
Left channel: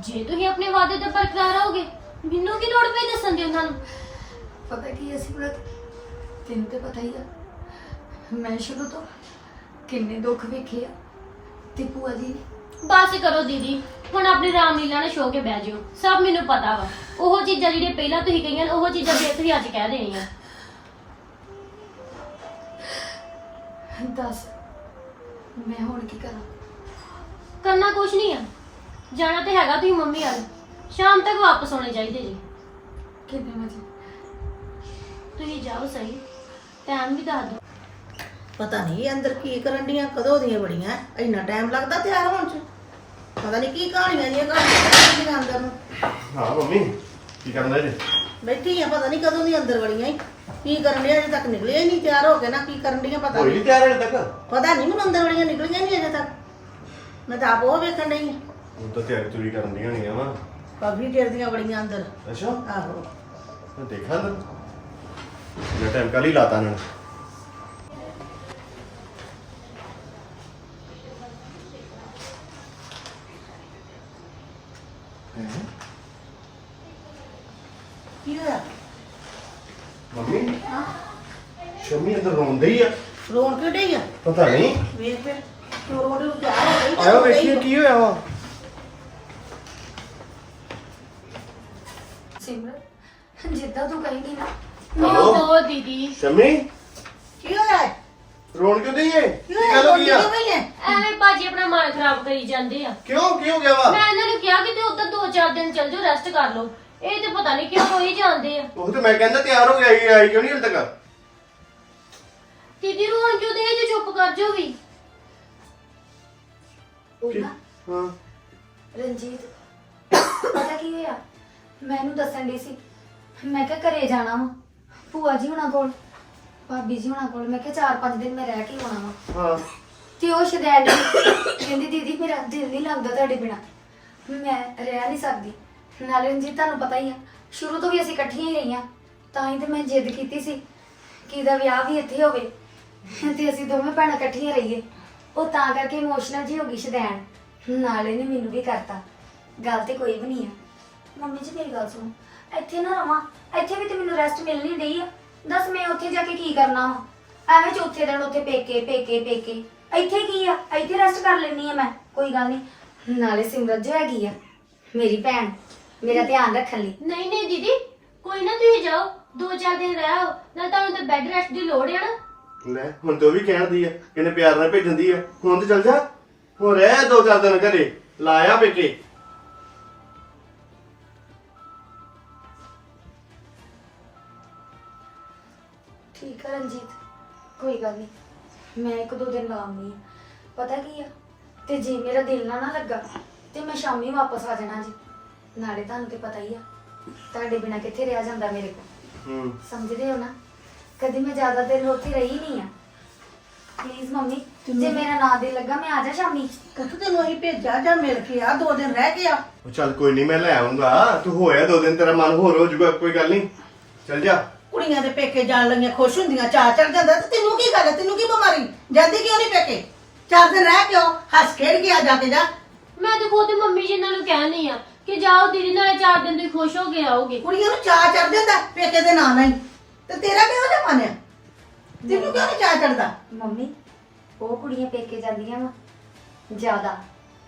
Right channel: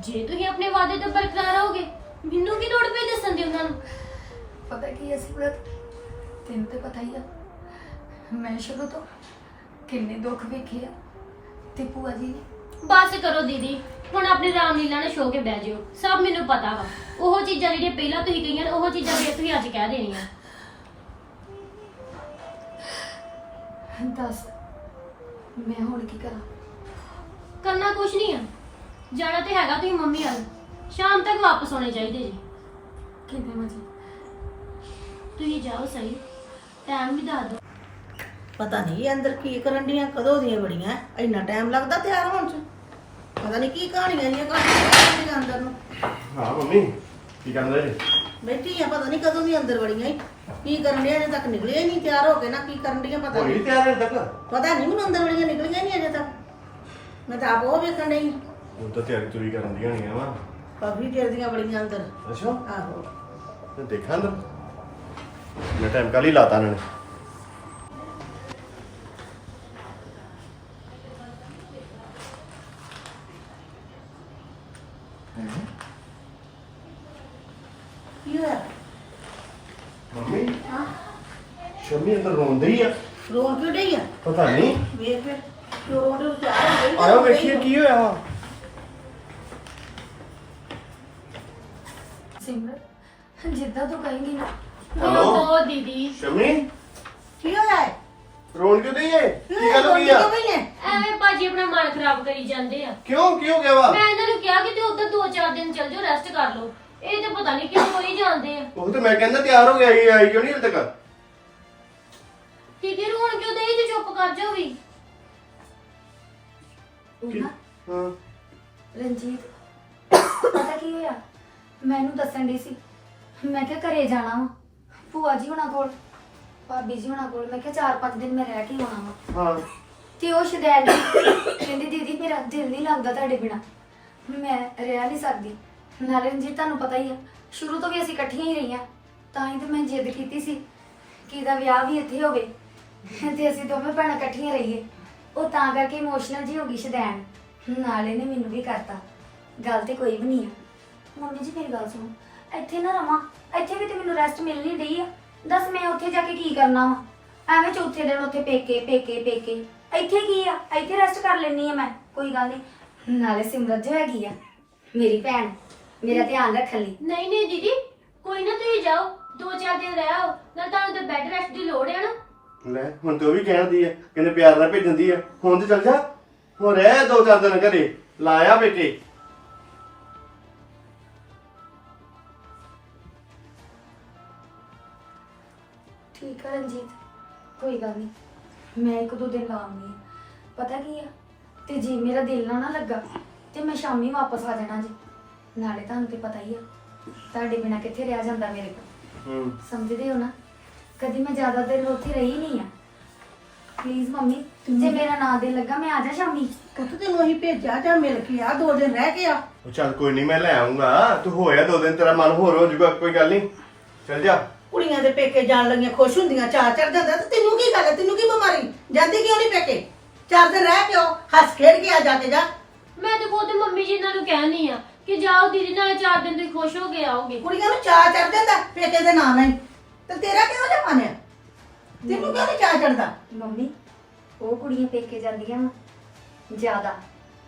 ਜੇ ਤੁਸੀਂ ਆਪਣੇ ਵਾਅਦੇ ਤੇ ਬਰਕਰਾਰ ਰਹੋਗੇ ਮੈਨੂੰ ਕੀ ਲੋੜ ਪਈ ਦੱਸਣ ਦੀ ਉਹਨਾਂ ਨੂੰ? ਪਤਾ ਕੀ ਹੈ ਸਿਮਰਤ? ਤੈਨੂੰ ਤੇ ਪਤਾ ਹੀ ਆ ਮੈਂ ਸ਼ੁਰੂ ਤੋਂ ਕਿੰਨੇ ਦੁੱਖ ਵੇਖੇ ਆ ਤੇ ਭੂਆ ਜੀ ਬਸ ਕਰੋ ਦੀਦੀ ਹੁਣ ਆਪਣੀ ਰਾਮਲੀਲਾ ਨਾਲ ਸ਼ੋ ਕੇ ਬਹਿ ਜਾਓ ਸਭ ਮੈਨੂੰ ਪਤਾ ਵਾ। ਉਹ ਚੀਜ਼ਾਂ ਜਿਹੜੀਆਂ ਪਹਿਲਾਂ ਤੁਸੀਂ ਕਹੀਆਂ ਨੇ ਉਹ ਚੀਜ਼ਾਂ ਫੇਰ ਤੁਸੀਂ ਅੱਜ ਕਹਿ ਦੇਣੀਆਂ। ਦੱਸ ਮੈਂ ਹੁਣ ਕੀ ਕਰਾਂ? ਕਰਨਾ ਕੁਛ ਨਹੀਂ ਆ। ਜਾਣਾ ਤੇ ਹੈਗਾ ਤੁਸੀਂ ਮੰਮੀ ਵੱਲ। ਸ਼ਾਮ ਤੱਕ ਵਾਪਸ ਆਉਣੇ ਚਾਹੀਦੇ ਜੀ। ਕਿੰਨੇ ਵਜੇ? ਤੁਸੀਂ ਜਾਓ ਸਹੀ ਟਾਈਮ ਵੀ ਦੱਸ ਦਿਓ। ਪਤਾ ਨਹੀਂ ਇਹ ਅੰਦਰ ਕੀ ਕਰਨ ਡੀਆਂ ਕਦੋਂ ਦੀਆਂ ਬੜੀਆਂ ਇੰਨਾ ਟਾਈਮ ਲੱਗਦਾ ਤਿਆਰ ਹੋਣ ਚ? ਪਤਾ ਨਹੀਂ ਕੀ ਕਹਾਣੀਆਂ ਜੀਆਂ ਕਹਾਣੀਆਂ ਅੰਦਰ ਨੂੰ। ਹਾਂ ਮੰਮੀ ਕੀ ਕਰਦਾ ਜੀ? ਬੈਠੀ ਆ ਪਤਾ ਨਹੀਂ ਕਦੋਂ ਦੀ ਅੰਦਰ ਵੜੀਆਂ ਈ। ਕੀ ਕਰਨ ਡੀਆਂ ਅਜੇ ਤੱਕ ਨਿਕਲਿਆ ਹੀ ਨਹੀਂ ਤਿਆਰ ਹੋ ਕੇ ਨਾ ਕੀ ਕਰਨ ਡੀਆਂ ਪਤਾ ਹੋਈ ਨਹੀਂ ਨਹੀਂ ਤਿਆਰ ਹਜੇ ਤੱਕ? ਪਤਾ ਨਹੀਂ ਹੁਣ ਅੰਦਰ ਵੜੀਆਂ ਨਿਕਲੀਆਂ ਨਹੀਂ ਅਜੇ ਤੱਕ। ਮੈਂ ਤਾਂ ਆਪ ਉਹ ਵੇਖਣ ਡਈ ਆਂ। ਉਹ ਤਾਂ ਤਿਆਰੀ ਤੁਰੀ ਕਰਨ ਦੀਆਂ ਹੋਣੀਆਂ ਵਾ। ਕਾਫੀ ਦੇਰ ਦੀਆਂ ਬੜੀਆਂ ਅੰਦਰ। ਅੱਛਾ। ਆਹੋ। ਮੈਂ ਦੇਖਾਂ ਮੈਂ ਟਾਈਮ ਕੱਲ ਹੀ ਲਾਤਾ ਇਹਨਾਂ ਨੇ ਕੀ ਹੋਇਆ ਮੰਮੀ ਸ਼ਮੀ ਅੰਦਰ ਰੋਂਦੇ ਹੀ ਆ? ਰੋਣ ਕਿਉਂ ਡਈ ਆ? ਪਤਾ ਨਹੀਂ। ਵੇਖ ਫਿਰ ਰੋਣ ਨੂੰ ਤਿਆਰ ਹੋ ਗਈ ਤਾਂ ਆਇਓ ਵੇਖੀਏ। ਕੀ ਹੋਇਆ ਵਾ। ਜਿੱਦਾਂ ਤੂੰ ਕਹੇਂਗੀ ਨਾ? ਮੈਨੂੰ ਦੋ ਦੀਦੀ। ਸ਼ਮੀ? ਕੀ ਹੋਇਆ? ਰੋਣ ਕਿਉਂ ਏ? ਕੀ ਗੱਲ ਹੋ ਗਈ ਆ? ਐਵੇਂ ਭਾਜੀ ਆਪਣਾ ਮਨ ਖਰਾਬ ਕਰੀ ਜਾਂਦੇ ਆ। ਕਿਉਂ ਕੀ ਹੋ ਗਿਆ ਵਾ? ਮੈਂ ਇਹਨਾਂ ਨੂੰ ਕਿਹਾ ਕਿ ਤੇ ਉੱਧਰ ਦੋ ਚਾਰ ਦਿਨ ਚੱਲ ਜਾਓ ਰੈਸਟ ਕਰ ਲਓ। ਇਹ ਤੇ ਪਤਾ ਨਹੀਂ ਕਿਉਂ ਰੋਈ ਜਾਂਦੇ ਆ। ਉਹ ਤਾਂ ਮੈਂ ਕਹਿੰਦਾ ਤਿਆਰ ਹੋ ਗਿਆ ਇਹ ਆਈ ਕਿਉਂ ਨਹੀਂ ਹਜੇ ਤੱਕ? ਉਹ ਨਾ। ਹਾਂ। ਰਣਜੀਤ ਪਤਾ ਕੀ ਹੋਇਆ? ਮੈਂ ਇਹਨੂੰ ਦੱਸਣ ਦੀ ਸੀ। ਮੈਂ ਕਿਹਾ ਘਰੇ ਜਾਣਾ ਵਾ ਭੂਆ ਜੀ ਹੁਣਾਂ ਕੋਲ ਭਾਬੀ ਜੀ ਹੁਣਾਂ ਕੋਲ। ਮੈਂ ਕਿਹਾ ਚਾਰ ਪੰਜ ਦਿਨ ਮੈਂ ਰਹਿ ਕੇ ਆਉਣਾ ਵਾ। ਹਾਂ। ਤੇ ਉਹ ਸ਼ਦੈਨ ਕਹਿੰਦੀ ਦੀਦੀ ਮੇਰਾ ਦਿਲ ਨਹੀਂ ਲੱਗਦਾ ਤੁਹਾਡੇ ਬਿਨਾ। ਮੈਂ ਰਹਿ ਨਹੀਂ ਸਕਦੀ। ਨਾਲੇ ਰਣਜੀਤ ਤੁਹਾਨੂੰ ਪਤਾ ਹੀ ਆ ਸ਼ੁਰੂ ਤੋਂ ਵੀ ਅਸੀਂ ਇਕੱਠੀਆਂ ਹੀ ਰਹੀਆਂ। ਤਾਂ ਹੀ ਤੇ ਮੈਂ ਜਿੱਦ ਕੀਤੀ ਸੀ ਕਿ ਇਹਦਾ ਵਿਆਹ ਵੀ ਇੱਥੇ ਹੋਵੇ ਤੇ ਅਸੀਂ ਦੋਵੇਂ ਭੈਣਾਂ ਇਕੱਠੀਆਂ ਰਹੀਏ। ਉਹ ਤਾਂ ਕਰਕੇ ਇਮੋਸ਼ਨਲ ਜੀ ਹੋ ਗਈ ਸ਼ਦੈਨ ਨਾਲੇ ਨੇ ਮੈਨੂੰ ਵੀ ਕਰਤਾ। ਗੱਲ ਤੇ ਕੋਈ ਵੀ ਨਹੀਂ ਆ। ਮੰਮੀ ਜੀ ਮੇਰੀ ਗੱਲ ਸੁਣੋ। ਇੱਥੇ ਨਾ ਰਵਾਂ। ਇੱਥੇ ਵੀ ਤੇ ਮੈਨੂੰ ਰੈਸਟ ਮਿਲ ਨਹੀਂ ਰਹੀ ਆ। ਦੱਸ ਮੈਂ ਉੱਥੇ ਜਾ ਕੇ ਕੀ ਕਰਨਾ ਵਾ? ਐਵੇਂ ਚੌਥੇ ਦਿਨ ਉੱਥੇ ਪੇਕੇ ਪੇਕੇ ਪੇਕੇ। ਇੱਥੇ ਕੀ ਆ? ਇੱਥੇ ਰੈਸਟ ਕਰ ਲੈਣੀ ਆ ਮੈਂ। ਕੋਈ ਗੱਲ ਨਹੀਂ। ਨਾਲੇ ਸਿਮਰਤ ਜੋ ਹੈਗੀ ਆ ਮੇਰੀ ਭੈਣ ਮੇਰਾ ਧਿਆਨ ਰੱਖਣ ਲਈ। ਨਹੀਂ ਨਹੀਂ ਦੀਦੀ ਕੋਈ ਨਾ ਤੁਸੀਂ ਜਾਓ। ਦੋ ਚਾਰ ਦਿਨ ਰਹਿ ਆਓ। ਨਾ ਤੁਹਾਨੂੰ ਤੇ ਬੈੱਡ ਰੈਸਟ ਦੀ ਲੋੜ ਹੈ ਨਾ। ਲੈ ਹੁਣ ਤੇ ਉਹ ਵੀ ਕਹਿਣਦੀ ਆ ਕਹਿੰਦੇ ਪਿਆਰ ਨਾਲ ਭੇਜਣ ਦੀ ਆ। ਹੁਣ ਤੇ ਚੱਲ ਜਾ। ਹੁਣ ਰਹਿ ਦੋ ਚਾਰ ਦਿਨ ਘਰੇ। ਲਾਇਆ ਬੇਟੇ ਠੀਕ ਆ ਰਣਜੀਤ। ਕੋਈ ਗੱਲ ਨਹੀਂ ਮੈਂ ਇੱਕ ਦੋ ਦਿਨ ਲਾਉਂਗੀ ਪਤਾ ਕੀ ਆ? ਤੇ ਜੇ ਮੇਰਾ ਦਿਲ ਨਾ ਨਾ ਲੱਗਾ ਤੇ ਮੈਂ ਸ਼ਾਮੀ ਵਾਪਸ ਆ ਜਾਣਾ ਜੀ। ਨਾਲੇ ਤੁਹਾਨੂੰ ਤੇ ਪਤਾ ਹੀ ਆ ਤੁਹਾਡੇ ਬਿਨਾ ਕਿੱਥੇ ਰਿਹਾ ਜਾਂਦਾ ਮੇਰੇ ਕੋਲ। ਹੂੰ। ਸਮਝਦੇ ਹੋ ਨਾ? ਕਦੀ ਮੈਂ ਜ਼ਿਆਦਾ ਦੇਰ ਉੱਥੇ ਰਹੀ ਨਹੀਂ ਆ। ਪਲੀਜ਼ ਮੰਮੀ ਜੇ ਮੇਰਾ ਨਾ ਦਿਲ ਲੱਗਾ ਮੈਂ ਆ ਜਾ ਸ਼ਾਮੀ। ਪੁੱਤ ਤੈਨੂੰ ਅਸੀਂ ਭੇਜਿਆ ਜਾਂ ਮਿਲ ਕੇ ਆ ਦੋ ਦਿਨ ਰਹਿ ਕੇ ਆ। ਉਹ ਚੱਲ ਕੋਈ ਨਹੀਂ ਮੈਂ ਲੈ ਆਉਂਗਾ ਤੂੰ ਹੋਇਆ ਦੋ ਦਿਨ ਤੇਰਾ ਮਨ ਹੋਰ ਹੋ ਜਾਊਗਾ ਕੋਈ ਗੱਲ ਨਹੀਂ। ਚੱਲ ਜਾ। ਕੁੜੀਆਂ ਦੇ ਪੇਕੇ ਜਾਣ ਲੱਗੀਆਂ ਖੁਸ਼ ਹੁੰਦੀਆਂ ਚਾਹ ਚੜ ਜਾਂਦਾ ਤੇ ਤੈਨੂੰ ਕੀ ਗੱਲ ਹੈ? ਤੈਨੂੰ ਕੀ ਬਿਮਾਰੀ? ਜਾਂਦੀ ਕਿਉਂ ਨਹੀਂ ਪੇਕੇ? ਚਾਰ ਦਿਨ ਰਹਿ ਕੇ ਆਓ ਹੱਸ ਖੇਡ ਕੇ ਆ ਜਾ ਕੇ ਜਾ। ਮੈਂ ਤੇ ਖੁਦ ਮੰਮੀ ਜੀ ਇਹਨਾਂ ਨੂੰ ਕਹਿਣੀ ਆ ਕਿ ਜਾਓ ਦੀਦੀ ਨਾਲ ਚਾਰ ਦਿਨ ਤੁਸੀਂ ਖੁਸ਼ ਹੋ ਕੇ ਆਓਗੇ। ਕੁੜੀਆਂ ਨੂੰ ਚਾਹ ਚੜ ਜਾਂਦਾ ਪੇਕੇ ਦੇ ਨਾਂ ਨਹੀਂ। ਤੇ ਤੇਰਾ ਕਿਹੋ ਜਿਹਾ ਮਨ ਤੈਨੂੰ ਕਿਉਂ ਨਹੀਂ ਚਾਹ ਚੜਦਾ? ਮੰਮੀ ਉਹ ਕੁੜੀਆਂ ਪੇਕੇ ਜਾਂਦੀਆਂ ਵਾ। ਜ਼ਿਆਦਾ।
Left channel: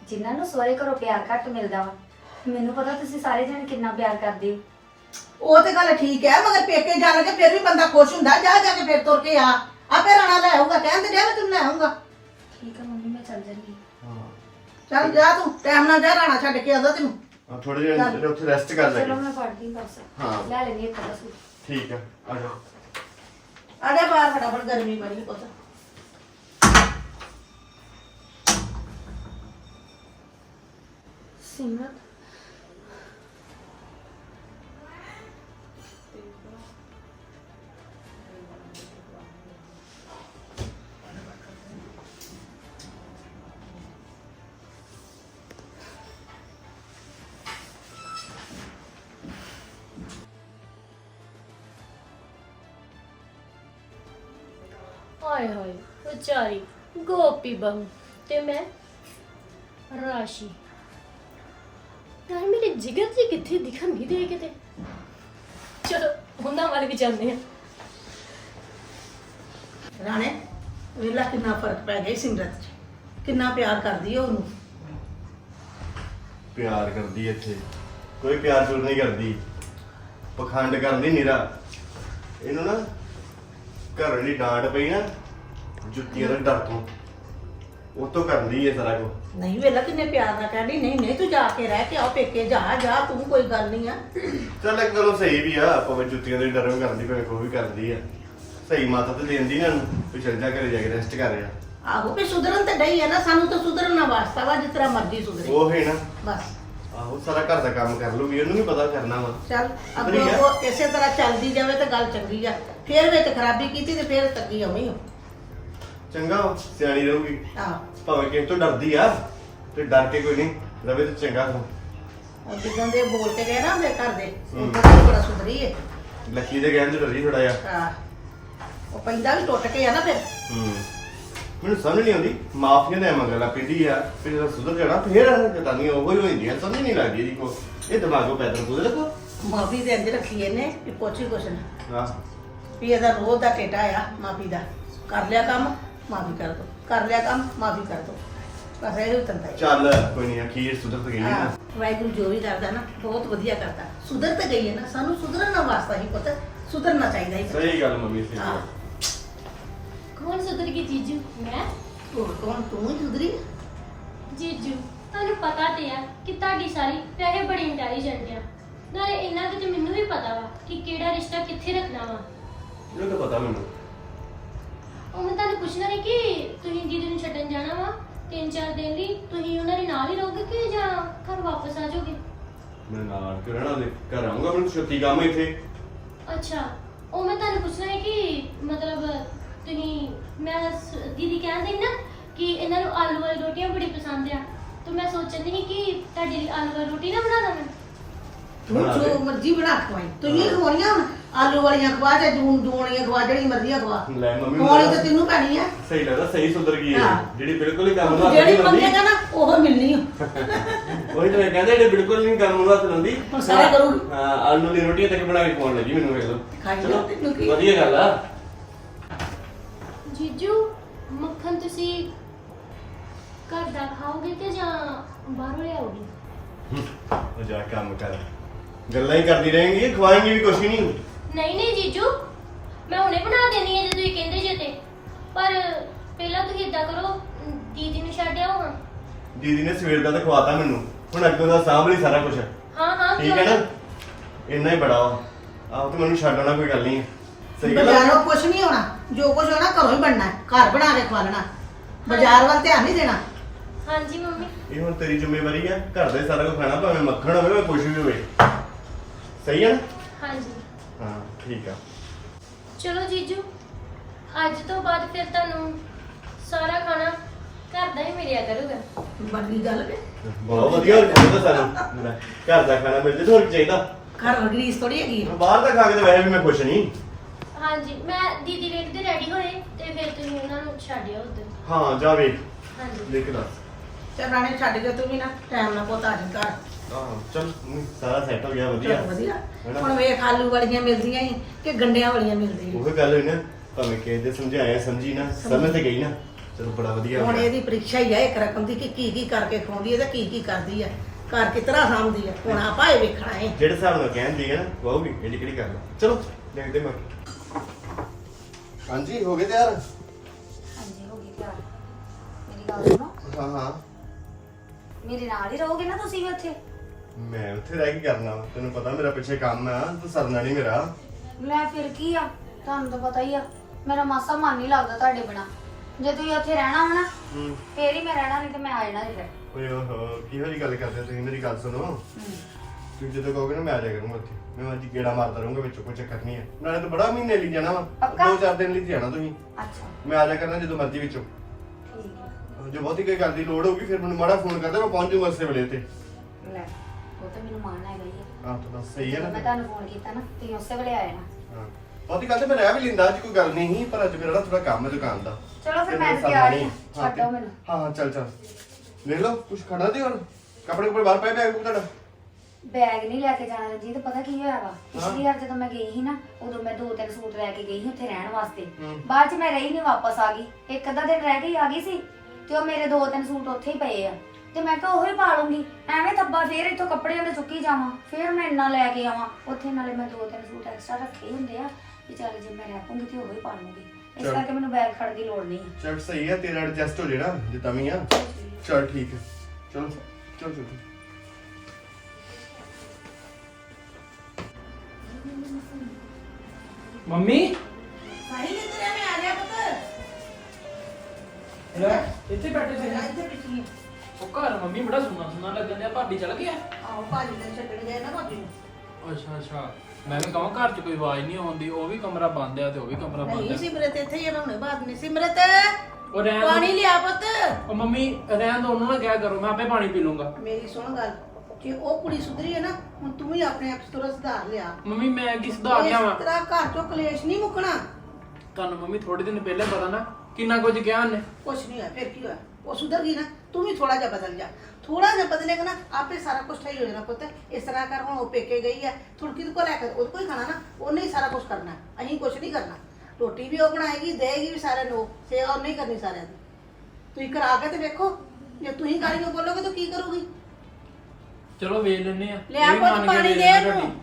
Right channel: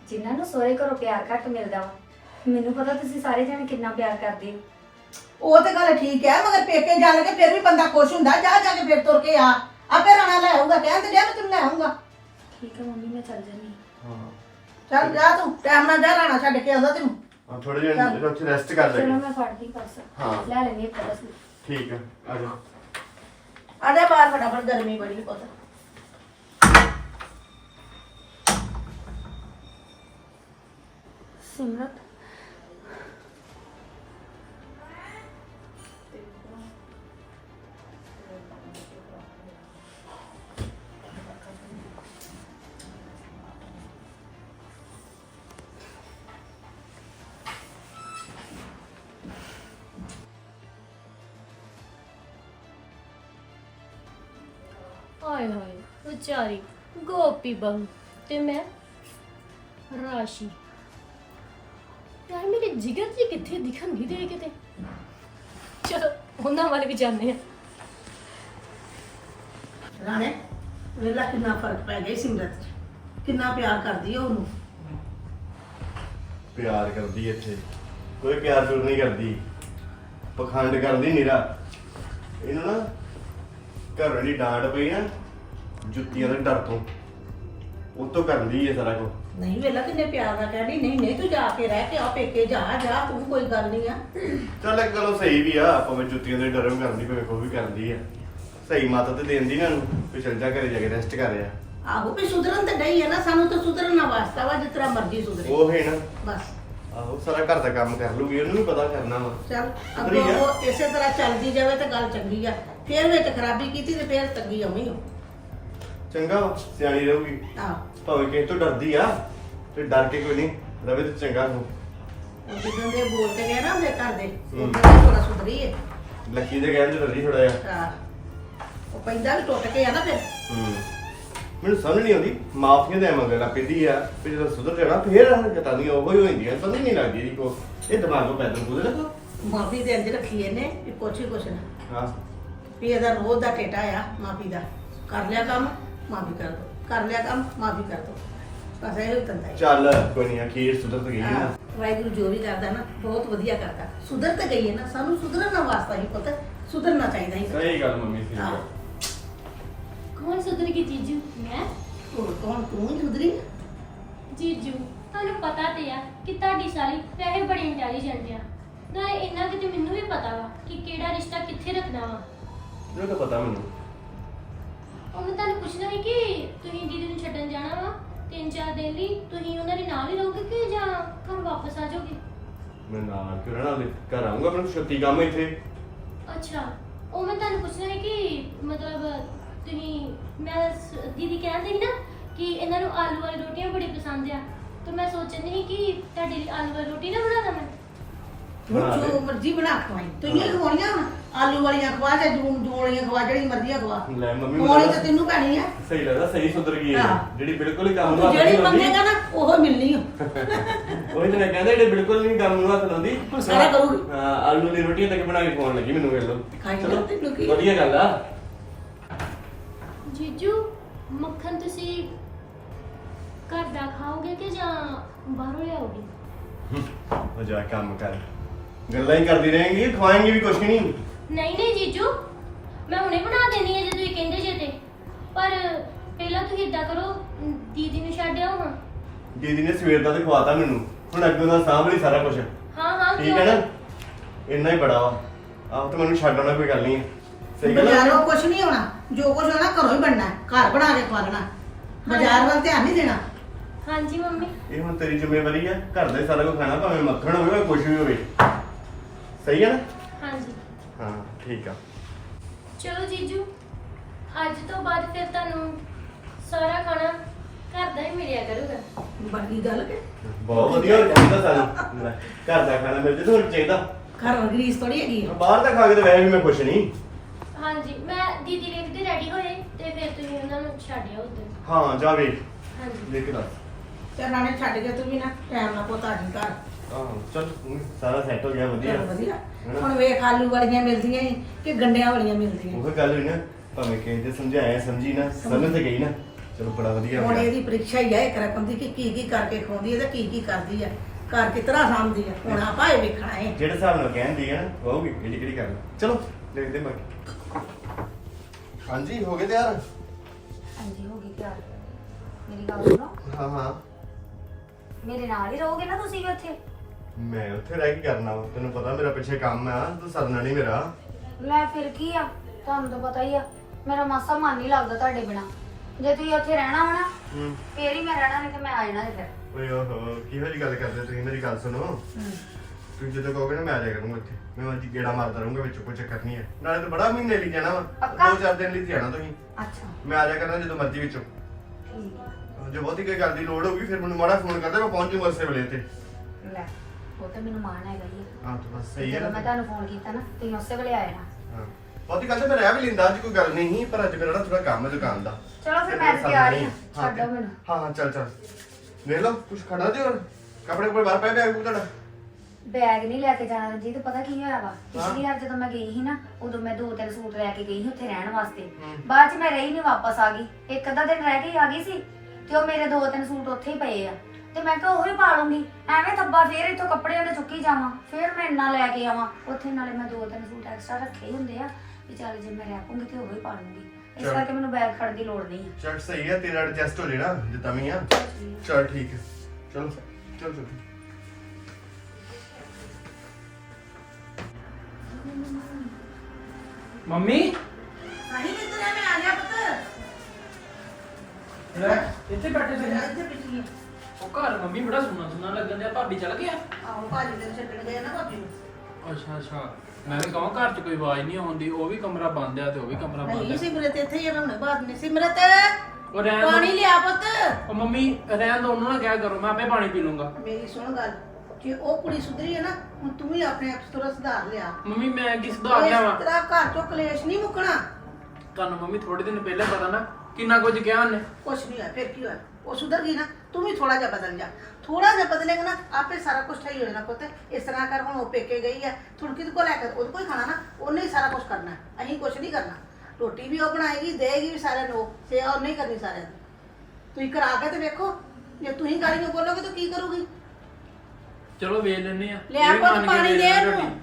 ਜਿਨ੍ਹਾਂ ਨੂੰ ਸਹੁਰੇ ਘਰੋਂ ਪਿਆਰ ਘੱਟ ਮਿਲਦਾ ਵਾ। ਮੈਨੂੰ ਪਤਾ ਤੁਸੀਂ ਸਾਰੇ ਜਣੇ ਕਿੰਨਾ ਪਿਆਰ ਕਰਦੇ ਹੋ। ਉਹ ਤੇ ਗੱਲ ਠੀਕ ਹੈ ਮਗਰ ਪੇਕੇ ਜਾਣ ਲੱਗੇ ਫਿਰ ਵੀ ਬੰਦਾ ਖੁਸ਼ ਹੁੰਦਾ। ਜਾ ਜਾ ਕੇ ਫਿਰ ਤੁਰ ਕੇ ਆ। ਆਪੇ ਰਾਣਾ ਲੈ ਆਊਗਾ ਕਹਿੰਦੇ ਜੇ ਮੈਂ ਤੈਨੂੰ ਲੈ ਆਊਗਾ। ਠੀਕ ਹੈ ਮੰਮੀ ਮੈਂ ਚੱਲ ਹਾਂ। ਚੱਲ ਜਾ ਤੂੰ ਟਾਈਮ ਨਾਲ ਜਾ ਰਾਣਾ ਛੱਡ ਕੇ ਆਉਂਦਾ ਤੈਨੂੰ। ਆ ਥੋੜੇ ਜਿਹਾ ਉੱਥੇ ਰੈਸਟ ਕਰ ਲੈ ਚਲੋ ਮੈਂ ਫੜਦੀ ਬਸ। ਹਾਂ। ਲੈ ਲੈਣੀ ਇੱਕ ਸੂਟ। ਠੀਕ ਆ ਆ ਜਾ ਆ ਬਾਹਰ ਫਟਾਫਟ ਗਰਮੀ ਬੜੀ ਪੁੱਤ। ਸਿਮਰਤ? ਹਾਏ ਹਾਏ ਵਿਚਾਰੀ ਗੋਪੀ ਬਹੂ ਤੇ ਮੈਂ ਰਾਸ਼ੀ। ਯਾਰ ਮੇਰੇ ਜਿਗਰ ਜੀ ਕਿੱਥੇ ਦਿਖਣ ਨਹੀਂ ਦੇ ਕਿਤੇ? ਚਲੋ ਉਹਨਾਂ ਵਾਲੇ ਵੀ ਜਾਂਦੇ ਆ ਰਾਣੇ ਵੇਲਾ ਕਿੰਨਾ ਫ਼ਰਕ ਪੈ ਗਿਆ ਈ ਸਿਮਰਤ 'ਚ। ਕਿੰਨਾ ਪਿਆਰ ਕਰਦੀ ਉਹ ਉਹਨੂੰ। ਪਿਆਰ ਕਰਦੀ ਇੱਥੇ। ਕੋਈ ਪਿਆਰ ਪੂਰ ਨਹੀਂ ਕਰਦੀ। ਪਖੰਡ ਕਰਦੀ ਨਿਰਾ। ਇਹਨੂੰ ਨਾ ਘਰ ਦੀ ਡਾਂਟ ਪਈ ਨਾ ਜੁੱਤੀਆਂ ਦੇ ਡਰ ਤੋਂ। ਉਹ ਤੋਂ ਕਰਦੀ ਹੈ ਸਾਰਾ ਕੁਝ ਨਹੀਂ ਵੇਲਾ ਕਿੰਨੇ ਪਿਆਰ ਨਾਲ ਕਹਿੰਦੀ ਨਹੀਂ ਨਹੀਂ ਤੂੰ ਜਾ ਕੇ ਰਹਿ ਕੇ ਆ ਪੇਕੇ ਜਾ ਜਾ ਤੂੰ ਕੋਈ ਗੱਲ ਨਹੀਂ ਆ। ਚੱਲ ਇੱਕ ਗੱਲੋਂ ਸਹੀ ਵੀ ਆ ਭਾਵੇਂ ਜੁੱਤੀਆਂ ਦੇ ਡਰੋਂ ਕਰਦੀ ਭਾਵੇਂ ਕੋਈ ਵੀ ਕਰਦੀ ਆ। ਸਹੀ ਮੱਤ ਤੇ ਦੇਂਦੀ ਨਾ ਨੂੰ ਵੀ ਚੱਲ ਜਾ ਘਰੇ ਜਾ ਕੇ ਰੈਸਟ ਕਰ ਆ ਆਹੋ ਵੀ ਸੁਧਰਨ ਤੇ ਨਹੀਂ ਹੈ ਨਾ ਸਾਨੂੰ ਤਾਂ ਸੁਧਰਨ ਦਾ ਵਾਸਤਾ ਵਾ ਜਿਸ ਤਰ੍ਹਾਂ ਮਰਜ਼ੀ ਸੁਧਰੇ। ਉਹ ਹੈ ਨਾ। ਬਸ। ਆਹੋ ਸਾਰਾ ਘਰ ਦਾ ਕੰਮ ਕਰ ਲੂਗੀ ਉਹਨੂੰ ਵੀ ਪਤਾ ਕਰਨਾ ਵਾ। ਚੱਲ ਸੁਧਰੀ ਅੱਗੋਂ ਆ। ਉਹ ਇਸੇ ਤਰ੍ਹਾਂ ਚੱਲਦੀ ਜਾਵੇ ਤਾਂ ਗੱਲ ਚੰਗੀ ਆ। ਫੇਰ ਵਿੱਚ ਖਰਾਬੀ ਕੀਤੀ ਤੇ ਫੇਰ ਤੰਗੀ ਆਉਣੀ ਹੋ ਚੰਗਾ ਵਾ, ਸਿਆਣੀ ਰਹੂਗੀ। ਆਹ ਭਾਵੇਂ ਕਿਸੇ ਤੋਂ ਡਰਦੀ ਆ ਤੇ ਡਰ ਕੇ ਕੋਈ ਨਹੀਂ ਰਵੇ ਤੇ ਚੰਗਾ ਹੋ। ਉਹ ਜਿੱਦਾਂ ਦੇ ਬੋਲ ਕੇ ਗਏ ਨਾ ਉਹਦੇ ਘਰ ਦੇ ਹੂੰ। ਥੋੜਾ ਸੁਧਰੀ ਏ। ਲੱਕੀ ਦੇ ਕਹਿਣ ਤੇ ਡਰੀ ਥੋੜਾ ਜਿਹਾ। ਹਾਂ। ਉਹ ਪੈਂਦਾ ਵੀ ਟੁੱਟ ਕੇ ਆ ਨਾ ਫਿਰ। ਹੂੰ। ਮੈਨੂੰ ਸਮਝ ਨਹੀਂ ਆਉਂਦੀ ਮਾਫੀਆਂ ਦੇ ਮੰਗਲਾ ਪੈਂਦੀ ਆ ਫਿਰ ਜਦੋਂ ਸੁਧਰ ਜਾਣਾ ਫੇਰ ਜਤਾ ਨਹੀਂ ਉਹ ਹੀ ਹੁੰਦੀ ਆ ਸਮਝ ਨਹੀਂ ਲੱਗਦੀ ਇਹਦੀ ਕੋ ਇਹ ਦਿਮਾਗੋਂ ਪੈਦਲ ਕੁਝ ਲੱਗੋ ਮਾਫੀ ਦੇ ਅੰਦਰ ਰੱਖੀ ਇਹਨੇ ਵੀ ਕੁਛ ਹੀ ਕੁਛ ਨਹੀਂ ਹਾਂ। ਵੀ ਇਹਦਾ ਰੋਜ਼ ਦਾ ਟੇਟਾ ਆ ਮਾਫੀ ਦਾ। ਕਰ ਲਿਆ ਕੰਮ। ਮਾਫੀ ਕਰ ਦੋ। ਕਰ ਲਿਆ ਕੰਮ ਮਾਫੀ ਕਰ ਦੋ। ਬਸ ਇਹ ਹੀ ਤੰਦਾ ਹੈ। ਚੱਲ ਕੋਈ ਨਹੀਂ ਅਖੀਰ ਸੁਧਰ ਤਾਂ ਗਈ ਨਾ। ਹਾਂ, ਵਾਹਿਗੁਰੂ ਜੋ ਵੀ ਕਰਦਾ ਨਾ ਬਹੁਤ ਵਧੀਆ ਕਰਦਾ। ਸੁਧਰ ਤੇ ਗਈ ਹੈ ਨਾ ਸਾਨੂੰ ਸੁਧਰਨ ਦਾ ਵਾਸਤਾ ਹੀ ਪੁੱਤ ਸੁਧਰਨਾ ਚਾਹੀਦਾ ਹੀ। ਸਹੀ ਗੱਲ ਮੰਮੀ ਸੀ ਹਾਂ। ਕੌਣ ਸੁਧਰ ਗਈ ਜੀਜੂ? ਮੈਂ? ਹੋਰ ਕੌਣ ਤੂੰ ਹੀ ਸੁਧਰੀ? ਜੀਜੂ ਤੁਹਾਨੂੰ ਪਤਾ ਤੇ ਆ ਕਿ ਤੁਹਾਡੀ ਸਾਲੀ ਵੈਸੇ ਬੜੀ ਇੰਟੈਲੀਜੈਂਟ ਆ। ਨਾਲੇ ਇਹਨਾਂ ਤੇ ਮੈਨੂੰ ਵੀ ਪਤਾ ਵਾ ਕਿ ਕਿਹੜਾ ਰਿਸ਼ਤਾ ਕਿੱਥੇ ਰੱਖਣਾ ਵਾ। ਇਹ ਤਾਂ ਪਤਾ ਮੈਨੂੰ। ਉਹ ਮੈਂ ਤੁਹਾਨੂੰ ਪੁੱਛਣਾ ਹੈ ਕਿ ਤੁਸੀਂ ਦੀਦੀ ਨੂੰ ਛੱਡਣ ਜਾਣਾ ਵਾ ਤਿੰਨ ਚਾਰ ਦਿਨ ਲਈ ਤੁਸੀਂ ਉਹਨਾਂ ਦੇ ਨਾਲ ਹੀ ਰਹੋਗੇ ਕਿ ਜਾਂ ਘਰ ਵਾਪਸ ਆ ਜਾਓਗੇ? ਮੈਂ ਨਾਲ ਕਿਉਂ ਰਹਿਣਾ ਉਹਦੇ? ਘਰ ਆਉਂਗਾ ਮੈਨੂੰ ਛੁੱਟੀ ਕੰਮ ਹੈ ਇੱਥੇ। ਅੱਛਾ ਉਹ ਮੈਂ ਤੁਹਾਨੂੰ ਪੁੱਛਣਾ ਹੈ ਕਿ ਮਤਲਬ ਤੁਸੀਂ ਮੈਂ ਸ- ਦੀਦੀ ਕਹਿੰਦੇ ਨਾ ਕਿ ਇਹਨਾਂ ਨੂੰ ਆਲੂ ਵਾਲੀ ਰੋਟੀਆਂ ਬੜੀ ਪਸੰਦ ਆ ਤਾਂ ਮੈਂ ਸੋਚਣ ਦੀ ਕਿ ਤੁਹਾਡੇ ਲਈ ਆਲੂ ਵਾਲੀ ਰੋਟੀ ਨਾ ਬਣਾ ਦਵਾਂ ਤੂੰ ਬਣਾ ਦੇ। ਜੋ ਮਰਜ਼ੀ ਬਣਾ ਖਵਾਈ। ਤੂੰ ਇਹ ਖਵਾਉਣੀਆਂ ਹੁਣ? ਆਲੂ ਵਾਲੀਆਂ ਖਵਾ ਤੇ ਦੂਣ ਦੂਣ ਵਾਲੀਆਂ ਖਵਾ ਜਿਹੜੀ ਮਰਜ਼ੀ ਆ ਖਵਾ। ਲੈ ਮੰਮੀ ਨੂੰ ਖਵਾਉਣੀ ਲੱਗਦਾ- ਤਾਂ ਤੈਨੂੰ ਪੈਣੀ ਆ। ਸਹੀ ਲੱਗਦਾ ਸਹੀ ਸੁਧਰ ਗਈ ਹੈ ਹਾਂ। ਜਿਹੜੀ ਬਿਲਕੁਲ ਹੀ ਕੰਮ ਨੂੰ ਹੱਥ ਜਿਹੜੀ ਨਹੀਂ ਲਾਉਂਦੀ। ਮੰਗੇਗਾ ਨਾ ਉਹ ਮਿਲਣੀ ਓ। ਉਹੀ ਤਾਂ ਮੈਂ ਕਹਿੰਦਾ ਜਿਹੜੇ ਬਿਲਕੁਲ ਨਹੀਂ ਕੰਮ ਨੂੰ ਹੱਥ ਲਾਉਂਦੀ ਹੁਣ ਸਾਰਾ ਕਰੂਗੀ। ਹਾਂ ਆਲੂ ਦੀ ਰੋਟੀ ਤੱਕ ਬਣਾ ਕੇ ਖਵਾਉਣ ਲੱਗੀ ਮੈਨੂੰ ਵੇਖ ਲਓ। ਖਾਈ ਚਲੋ, ਜਾ, ਤੈਨੂੰ ਕੀ? ਵਧੀਆ ਗੱਲ ਆ। ਜੀਜੂ ਮੱਖਣ ਤੁਸੀਂ ਘਰ ਦਾ ਖਾਓਗੇ ਕਿ ਜਾਂ ਬਾਹਰੋਂ ਲਿਆਓਗੇ? ਉਹ ਜਾ ਕੰਮ ਕਰ। ਗੱਲਾਂ ਹੀ ਕਰਦੀ ਰਹੇਂਗੀ ਖਵਾਏਂਗੀ ਵੀ ਕੁਛ ਨਹੀਂ। ਨਹੀਂ ਨਹੀਂ ਜੀਜੂ ਮੈਂ ਹੁਣੇ ਬਣਾ ਦੇਣੀ ਹੈ ਜੇ ਤੁਸੀਂ ਕਹਿੰਦੇ ਜੇ ਤੇ। ਪਰ ਪਹਿਲਾਂ ਤੁਸੀਂ ਇਦਾਂ ਕਰੋ ਅਮ, ਦੀਦੀ ਨੂੰ ਛੱਡ ਆਓ ਹਾਂ। ਦੀਦੀ ਨੇ ਸਵੇਰ ਦਾ ਤਾਂ ਖਵਾਤਾ ਮੈਨੂੰ। ਹੁਣ ਅੱਗੇ ਦਾ ਸਾਂਭ ਲਈ ਸਾਰਾ ਕੁਝ ਹਾਂ ਹਾਂ ਠੀਕ ਹੈ ਨਾ? ਇੰਨਾ ਹੀ ਬੜਾ ਵਾ। ਆਹ ਤਾਂ ਮੈਨੂੰ ਛੱਡ ਆਉਣਾ ਕੋਈ ਗੱਲ ਨਹੀਂ। ਸਹੀ ਗੱਲ? ਬਾਜ਼ਾਰੋਂ ਕੁਝ ਨਹੀਂ ਹੋਣਾ ਜੋ ਕੁਝ ਹੋਣਾ ਘਰੋਂ ਹੀ ਬਣਨਾ ਹੈ। ਘਰ ਬਣਾ ਕੇ ਖਵਾਲਣਾ ਬਾਜ਼ਾਰ ਵੱਲ ਧਿਆਨ ਨਹੀਂ ਦੇਣਾ। ਹਾਂਜੀ ਮੰਮੀ। ਇਹ ਹੁਣ ਤੇਰੀ ਜ਼ਿੰਮੇਵਾਰੀ ਹੈ ਘਰ ਦਾ ਹੀ ਸਾਰਾ ਕੁਝ ਖਾਣਾ ਭਾਵੇਂ ਮੱਖਣ ਹੋਵੇ ਭਾਵੇਂ ਕੁਛ ਵੀ ਹੋਵੇ। ਸਹੀ ਹੈ ਨਾ? ਹਾਂਜੀ। ਹਾਂ ਠੀਕ ਆ। ਚਲੋ ਜੀਜੂ ਅੱਜ ਤੋਂ ਬਾਅਦ ਫਿਰ ਤੁਹਾਨੂੰ ਸਾਰਾ ਖਾਣਾ ਘਰ ਦਾ ਹੀ ਮਿਲਿਆ ਕਰੂਗਾ। ਬੜੀ ਗੱਲ ਕਿ? ਬਹੁਤ ਵਧੀਆ ਹੋ ਜਾਂਦਾ ਸਾਨੂੰ? ਲੈ, ਘਰ ਦਾ ਖਾਣਾ ਮਿਲ ਜੇ ਤਾਂ ਹੋਰ ਕੀ ਚਾਹੀਦਾ? ਘਰ ਵਰਗਰੀਸ ਥੋੜੀ ਹੈਗੀ ਆ। ਬਾਹਰ ਦਾ ਖਾ ਕੇ ਤਾਂ ਵੈਸੇ ਵੀ ਮੈਂ ਖੁਸ਼ ਨਹੀਂ। ਹਾਂਜੀ ਮੈਂ ਦੀਦੀ ਵੇਖਦੇ ਰੈਡੀ ਹੋਏ ਤੇ ਫਿਰ ਤੁਸੀਂ ਉਹਨਾਂ ਨੂੰ ਛੱਡਿਓ ਉੱਧਰ। ਹਾਂ ਜਾ ਵੇਖ। ਹਾਂਜੀ। ਦੇਖ ਦੱਸ। ਤੇ ਰਾਣੇ ਛੱਡ ਕੇ ਤੂੰ ਵੀ ਨਾ ਟਾਈਮ ਨਾਲ ਪੁੱਤ ਆ ਜੀ ਘਰ। ਹਾਂ ਚਲ ਸਾਰਾ ਸੈੱਟ ਹੋ ਗਿਆ ਵਧੀਆ। ਚੱਲ ਵਧੀਆ। ਹੈਨਾ? ਹੁਣ ਵੇਖ ਆਲੂ ਵਾਲੀਆਂ ਮਿਲਦੀਆਂ ਹੀ ਕਿ ਗੰਡਿਆਂ ਵਾਲੀਆਂ ਮਿਲਦੀਆਂ। ਉਹ ਗੱਲ ਹੋਈ ਨਾ ਭਾਵੇਂ ਕਿਸੇ ਦੇ ਸਮਝਾਇਆ ਸਮਝੀ ਨਾ ਸਮਝ। ਤੇ ਗਈ ਨਾ ਚਲੋ ਬੜਾ ਵਧੀਆ ਹੋ ਹੁਣ ਗਿਆ। ਇਹਦੀ ਪ੍ਰੀਖਿਆ ਹੀ ਹੈ ਇੱਕ ਰਕਮ ਦੀ ਕਿ ਕੀ ਕੀ ਕਰਕੇ ਖਵਾਉਂਦੀ ਹੈ ਤੇ ਕੀ ਕੀ ਕਰਦੀ ਹੈ ਘਰ ਕਿਸ ਤਰ੍ਹਾਂ ਸਾਂਭਦੀ ਹੈ ਹੁਣ ਆਪਾਂ ਇਹ ਵੇਖਣਾ ਹੈ ਜਿਹੜੇ ਹਿਸਾਬ ਨਾਲ ਕਹਿੰਦੀ ਹੈ ਨਾ ਕਹੋਗੀ ਕਿਹੜੀ ਕਿਹੜੀ ਗੱਲ ਆ। ਚਲੋ ਦੇਖਦੇ ਮੈਂ ਹਾਂਜੀ ਹੋ ਗਏ ਤਿਆਰ? ਹਾਂਜੀ ਹੋ ਗਈ ਤਿਆਰ। ਮੇਰੀ ਗੱਲ ਸੁਣੋ। ਹਾਂ ਹਾਂ। ਮੇਰੇ ਨਾਲ ਹੀ ਰਹੋਗੇ ਨਾ ਤੁਸੀਂ ਵੀ ਉੱਥੇ? ਮੈਂ ਉੱਥੇ ਰਹਿ ਕੇ ਕਰਨਾ ਵਾ। ਤੈਨੂੰ ਪਤਾ ਮੇਰਾ ਪਿੱਛੇ ਕੰਮ ਆ ਤੂੰ ਸਰਨਾ ਨਹੀਂ ਮੇਰਾ। ਲੈ ਫਿਰ ਕੀ ਆ? ਤੁਹਾਨੂੰ ਤਾਂ ਪਤਾ ਹੀ ਆ ਮੇਰਾ ਮਾਸਾ ਮਨ ਨਹੀਂ ਲੱਗਦਾ ਤੁਹਾਡੇ ਬਿਨਾ। ਜੇ ਤੁਸੀਂ ਉੱਥੇ ਰਹਿਣਾ ਵਾ ਨਾ ਹੂੰ। ਫੇਰ ਹੀ ਮੈਂ ਰਹਿਣਾ ਨਹੀਂ ਤੇ ਮੈਂ ਆ ਜਾਣਾ ਜੀ ਫਿਰ। ਓਏ ਓਹੋ ਕਿਹੋ ਜੀ ਗੱਲ ਕਰਦੇ ਹੋ ਤੁਸੀਂ? ਮੇਰੀ ਗੱਲ ਸੁਣੋ। ਤੁਸੀਂ ਜਦੋਂ ਕਹੋਗੇ ਨਾ ਮੈਂ ਆ ਜਾਇਆ ਕਰੂੰਗਾ ਇੱਥੇ ਮੈਂ ਅੱਜ ਗੇੜਾ ਮਾਰਦਾ ਰਹੂੰਗਾ ਵਿੱਚ ਕੋਈ ਚੱਕਰ ਨਹੀਂ ਹੈ। ਨਾਲੇ ਤਾਂ ਬੜਾ ਮਹੀਨੇ ਲਈ ਜਾਣਾ ਵਾ ਪੱਕਾ? ਦੋ ਚਾਰ ਦਿਨ ਲਈ ਜਾਣਾ ਤੁਸੀਂ। ਅੱਛਾ। ਮੈਂ ਆ ਜਾਇਆ ਕਰਨਾ ਜਦੋਂ ਮਰਜ਼ੀ ਵਿੱਚੋਂ। ਠੀਕ ਆ ਜੇ ਬਹੁਤੀ ਕੋਈ ਗੱਲ ਦੀ ਲੋੜ ਹੋਊਗੀ ਫਿਰ ਮੈਨੂੰ ਮਾੜਾ ਫੋਨ ਕਰਦਾ ਮੈਂ ਪਹੁੰਚ ਜਾਊਂਗਾ ਉਸੇ ਵੇਲੇ ਉੱਤੇ ਲੈ ਉਹ ਤਾਂ ਮੈਨੂੰ ਮਾਣ ਹੈਗਾ ਹੀ ਆ। ਹਾਂ ਤਾਂ ਬਸ ਸਹੀ ਹੈ ਜਦੋਂ ਮੈਂ ਨਾ ਤੁਹਾਨੂੰ ਫੋਨ ਕੀਤਾ ਨਾ ਤੁਸੀਂ ਉਸੇ ਵੇਲੇ ਆ ਜਾਣਾ ਹਾਂ ਬਹੁਤੀ ਗੱਲ ਤਾਂ ਮੈਂ ਰਹਿ ਵੀ ਲੈਂਦਾ ਅੱਜ ਕੋਈ ਗੱਲ ਨਹੀਂ ਸੀ ਪਰ ਅੱਜ ਮੇਰਾ ਨਾ ਥੋੜਾ ਕੰਮ ਹੈ ਦੁਕਾਨ ਦਾ। ਚਲੋ ਫਿਰ ਮੈਂ ਤਾਂ ਆ ਨਹੀਂ। ਹਾਂ, ਛੱਡੋ ਮੈਨੂੰ। ਹਾਂ ਹਾਂ ਚੱਲ ਚੱਲ। ਦੇਖ ਲਓ ਕੁਝ ਖੜਾ ਦੇ ਹੁਣ ਕੱਪੜੇ ਕੋਲ ਬਾਹਰ ਪਏ ਬੈਗ ਬੂਗ ਤੁਹਾਡਾ? ਬੈਗ ਨਹੀਂ ਲੈ ਕੇ ਜਾਣਾ ਰਣਜੀਤ ਪਤਾ ਕੀ ਹੋਇਆ ਵਾ। ਪਿਛਲੀ ਵਾਰ ਜਦੋਂ ਮੈਂ ਗਈ ਸੀ ਨਾ ਉਦੋਂ ਮੈਂ ਦੋ ਤਿੰਨ ਸੂਟ ਲੈ ਕੇ ਗਈ ਸੀ ਉੱਥੇ ਰਹਿਣ ਵਾਸਤੇ। ਬਾਅਦ ਚ ਮੈਂ ਰਹੀ ਨਹੀਂ ਵਾਪਸ ਆ ਗਈ। ਇੱਕ ਅੱਧਾ ਦਿਨ ਰਹਿ ਕੇ ਹੀ ਆ ਗਈ ਸੀ ਤੇ ਉਹ ਮੇਰੇ ਦੋ ਤਿੰਨ ਸੂਟ ਉੱਥੇ ਹੀ ਪਏ ਆ। ਤੇ ਮੈਂ ਕਿਹਾ ਉਹੀ ਪਾ ਲੂੰਗੀ। ਐਵੇਂ ਥੱਬਾ ਫੇਰ ਇੱਥੋਂ ਕੱਪੜਿਆਂ ਦੇ ਚੁੱਕੀ ਜਾਵਾਂ। ਫੇਰ ਮੈਂ ਇੰਨਾ ਲੈ ਕੇ ਆਵਾਂ। ਉੱਥੇ ਨਾਲੇ ਮੈਂ ਦੋ ਤਿੰਨ ਸੂਟ ਐਕਸਟਰਾ ਰੱਖੇ ਹੀ ਹੁੰਦੇ ਆ। ਵੀ ਚੱਲ ਜੇ ਮੈਂ ਰਹਿ ਪੂੰਗੀ ਤੇ ਉਹੀ ਪਾ ਲੂੰਗੀ। ਇਸ ਚੱਲ। ਕਰਕੇ ਮੈਨੂੰ ਬੈਗ ਖੜ ਦੀ ਲੋੜ ਨਹੀਂ ਹੈ ਚੱਲ ਸਹੀ ਹੈ ਤੇਰਾ ਐਡਜਸਟ ਹੋ ਜਿਹੜਾ ਜਿੱਦਾਂ ਵੀ ਆ। ਚਲ ਠੀਕ ਹੈ ਚਲੋ ਚਲ ਚਲ। ਮੰਮੀ? ਮੰਮੀ ਬੜਾ ਸੁਣਨਾ ਸੁਣਨਾ ਲੱਗਣ ਦਿਆ ਭਾਬੀ ਚਲ ਗਿਆ ਆਓ ਭਾਜੀ ਨੇ ਛੱਡਣ ਗਏ ਨਾ ਭਾਜੀ ਨੂੰ। ਅੱਛਾ ਅੱਛਾ। ਮੈਂ ਵੀ ਕਹਾਂ ਘਰ 'ਚ ਕੋਈ ਆਵਾਜ਼ ਨਹੀਂ ਆਉਂਦੀ ਉਹ ਵੀ ਕਮਰਾ ਬੰਦ ਆ ਤੇ ਉਹ ਵੀ ਕਮਰਾ ਬੰਦ ਨਹੀਂ ਆ ਸਿਮਰਤ ਇੱਥੇ ਹੀ ਹੈ ਮੈਂ ਹੁਣੇ ਬਾਤ ਨਹੀਂ। ਸਿਮਰਤ ਉਹ ਰਹਿਣ ਪਾਣੀ ਲਿਆ ਪੁੱਤ। ਉਹ ਮੰਮੀ ਰਹਿਣ ਦੋ ਉਹਨੂੰ ਨਾ ਕਿਹਾ ਕਰੋ ਮੈਂ ਆਪੇ ਪਾਣੀ ਪੀ ਲੂੰਗਾ। ਮੇਰੀ ਸੁਣ ਗੱਲ ਜੇ ਉਹ ਕੁੜੀ ਸੁਧਰੀ ਹੈ ਨਾ ਹੁਣ ਤੂੰ ਵੀ ਆਪਣੇ ਆਪ ਸੁਧਰ ਸੁਧਾਰ ਲਿਆ। ਮੰਮੀ ਮੈਂ ਕੀ ਸੁਧਾਰ ਲਿਆਵਾਂ ਇਸ ਤਰ੍ਹਾਂ ਘਰ ਚੋਂ ਕਲੇਸ਼ ਨਹੀਂ ਮੁੱਕਣਾ। ਤੁਹਾਨੂੰ ਮੰਮੀ ਥੋੜੇ ਦਿਨ ਪਹਿਲਾਂ ਪਤਾ ਨਾ ਕਿੰਨਾ ਕੁਝ ਕਿਹਾ ਉਹਨੇ। ਕੁਛ ਨਹੀਂ ਹੋਇਆ ਫਿਰ ਕੀ ਹੋਇਆ? ਉਹ ਸੁਧਰ ਗਈ ਨਾ। ਤੂੰ ਵੀ ਥੋੜਾ ਜਿਹਾ ਬਦਲ ਜਾ ਥੋੜਾ ਜਿਹਾ ਬਦਲੇਗਾ ਨਾ ਆਪੇ ਸਾਰਾ ਕੁਝ ਸਹੀ ਹੋ ਜਾਣਾ ਪੁੱਤ ਇਸ ਤਰ੍ਹਾਂ ਕਰ ਹੁਣ ਉਹ ਪੇਕੇ ਗਈ ਹੈ ਥੁੜਕੀ ਕੋ ਲੈ ਕੇ ਉਹਦੇ ਕੋਈ ਖਾਣਾ ਨਾ ਉਹਨੇ ਹੀ ਸਾਰਾ ਕੁਝ ਕਰਨਾ ਹੈ। ਅਸੀਂ ਕੁਝ ਨਹੀਂ ਕਰਨਾ ਰੋਟੀ ਵੀ ਉਹ ਬਣਾਏਗੀ ਦੇਗੀ ਵੀ ਸਾਰਿਆਂ ਨੂੰ ਉਹ। ਸੇਵਾ ਉਹਨੇ ਹੀ ਕਰਨੀ ਸਾਰਿਆਂ ਦੀ ਤੁਸੀਂ ਕਰਾ ਕੇ ਤੇ ਵੇਖੋ ਜੇ ਤੁਸੀਂ ਗਾਲੀਆਂ ਬੋਲੋਗੇ ਤਾਂ ਕੀ ਕਰੂਗੀ ਚਲੋ ਵੇਖ ਲੈਨੇ ਆ ਲਿਆ ਇਹ ਪੁੱਤ ਮੰਨ ਕੇ ਪਾਣੀ ਦੇ ਲੈਣਾ ਇਹਨੂੰ। ਤੁਹਾਡੀ।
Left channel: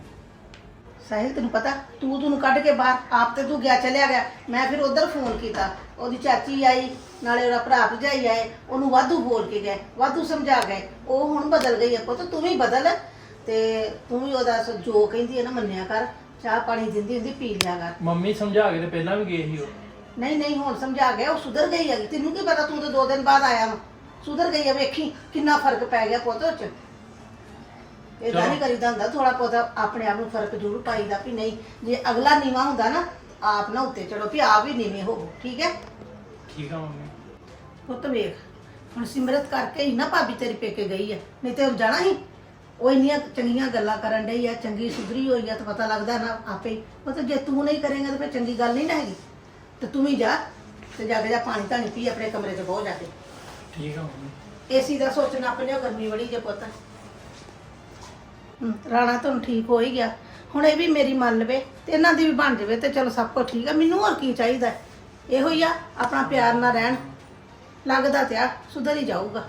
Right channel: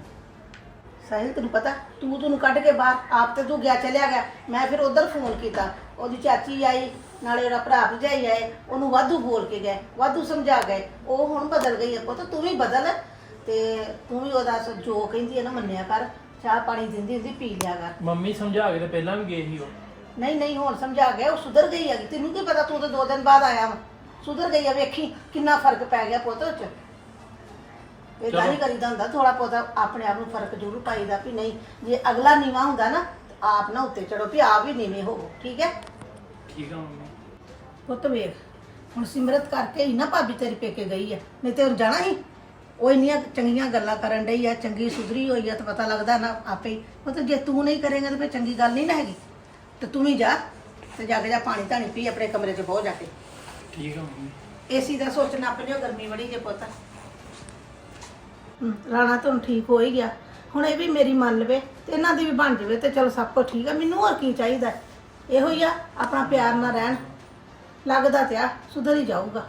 ਸਾਹਿਲ ਤੈਨੂੰ ਪਤਾ ਤੂੰ ਤੈਨੂੰ ਕੱਢ ਕੇ ਬਾਹਰ ਆਪ ਤੇ ਤੂੰ ਗਿਆ ਚਲਿਆ ਗਿਆ ਮੈਂ ਫਿਰ ਉਧਰ ਫੋਨ ਕੀਤਾ ਉਹਦੀ ਚਾਚੀ ਆਈ ਨਾਲੇ ਉਹਦਾ ਭਰਾ ਭਜਾਈ ਆਏ ਉਹਨੂੰ ਵਾਧੂ ਬੋਲ ਕੇ ਗਏ ਵਾਧੂ ਸਮਝਾ ਗਏ। ਉਹ ਹੁਣ ਬਦਲ ਗਈ ਹੈ ਪੁੱਤ ਤੂੰ ਵੀ ਬਦਲ। ਤੇ ਤੂੰ ਵੀ ਉਹਦਾ ਸ- ਜੋ ਕਹਿੰਦੀ ਹੈ ਨਾ ਮੰਨਿਆ ਕਰ ਚਾਹ ਪਾਣੀ ਦਿੰਦੀ ਹੁੰਦੀ ਪੀ ਲਿਆ ਕਰ। ਮੰਮੀ ਸਮਝਾ ਕੇ ਤੇ ਪਹਿਲਾਂ ਵੀ ਗਏ ਸੀ ਉਹ। ਨਹੀਂ ਨਹੀਂ ਹੁਣ ਸਮਝਾ ਗਿਆ ਉਹ ਸੁਧਰ ਗਈ ਹੈ ਤੈਨੂੰ ਕੀ ਪਤਾ ਤੂੰ ਤਾਂ ਦੋ ਦਿਨ ਬਾਅਦ ਆਇਆ ਵਾ। ਸੁਧਰ ਗਈ ਹੈ ਵੇਖੀ ਕਿੰਨਾ ਫ਼ਰਕ ਪੈ ਗਿਆ ਪੁੱਤ ਉਹ ਚ। ਇਹ ਚਲੋ। ਨਹੀਂ ਕਰੀਦਾ ਹੁੰਦਾ ਥੋੜਾ ਬਹੁਤਾ ਆਪਣੇ ਆਪ ਨੂੰ ਫ਼ਰਕ ਜ਼ਰੂਰ ਪਾਈਦਾ ਵੀ ਨਹੀਂ ਜੇ ਅਗਲਾ ਨੀਵਾ ਹੁੰਦਾ ਨਾ ਤਾਂ ਆਪ ਨਾ ਉੱਤੇ ਚੜੋ ਵੀ ਆਪ ਵੀ ਨੀਵੇਂ ਹੋਵੋ ਠੀਕ ਹੈ? ਠੀਕ ਆ ਮੰਮੀ। ਪੁੱਤ ਵੇਖ ਹੁਣ ਸਿਮਰਤ ਕਰਕੇ ਹੀ ਨਾ ਭਾਬੀ ਤੇਰੀ ਪੇਕੇ ਗਈ ਹੈ ਨਹੀਂ ਤੇ ਹੁਣ ਜਾਣਾ ਹੀ ਉਹ ਇੰਨੀਆਂ ਚੰਗੀਆਂ ਗੱਲਾਂ ਕਰਨ ਡਈ ਆ ਚੰਗੀ ਸੁਧਰੀ ਹੋਈ ਆ ਤਾਂ ਪਤਾ ਲੱਗਦਾ ਨਾ ਆਪੇ ਹੀ। ਮਤਲਬ ਜੇ ਤੂੰ ਨਹੀਂ ਕਰੇਂਗਾ ਤਾਂ ਫਿਰ ਚੰਗੀ ਗੱਲ ਨਹੀਂ ਨਾ ਹੈਗੀ। ਤੇ ਤੂੰ ਵੀ ਜਾ ਤੇ ਜਾ ਕੇ ਜਾ ਪਾਣੀ ਧਾਣੀ ਪੀ ਆਪਣੇ ਕਮਰੇ 'ਚ ਬਹੁ ਜਾ ਕੇ। ਠੀਕ ਆ ਮੰਮੀ। ਏਸੀ ਦਾ ਸੋਚਣਾ ਆਪਣੇ ਗਰਮੀ ਬੜੀ ਜੇ ਪੁੱਤ। ਹਮ, ਰਾਣਾ ਤਾਂ ਹੁਣ ਠੀਕ ਹੋ ਹੀ ਗਿਆ। ਹੁਣ ਇਹ ਵੀ ਮੇਰੀ ਮੰਨ ਲਵੇ ਤੇ ਇਹਨਾਂ ਦੀ ਵੀ ਬਣ ਜਾਵੇ ਤੇ ਚਲੋ ਸਭ ਕੁਝ ਠੀਕ ਹੈ ਮੈਨੂੰ ਹੋਰ ਕੀ ਚਾਹੀਦਾ? ਹੈ? ਇਹੋ ਹੀ ਆ, ਆਪਣਾ ਪਿਆਰ ਨਾਲ ਰਹਿਣ। ਲੱਗਦਾ ਤੇ ਆ, ਸੁਧਰ ਹੀ ਜਾਊਗਾ।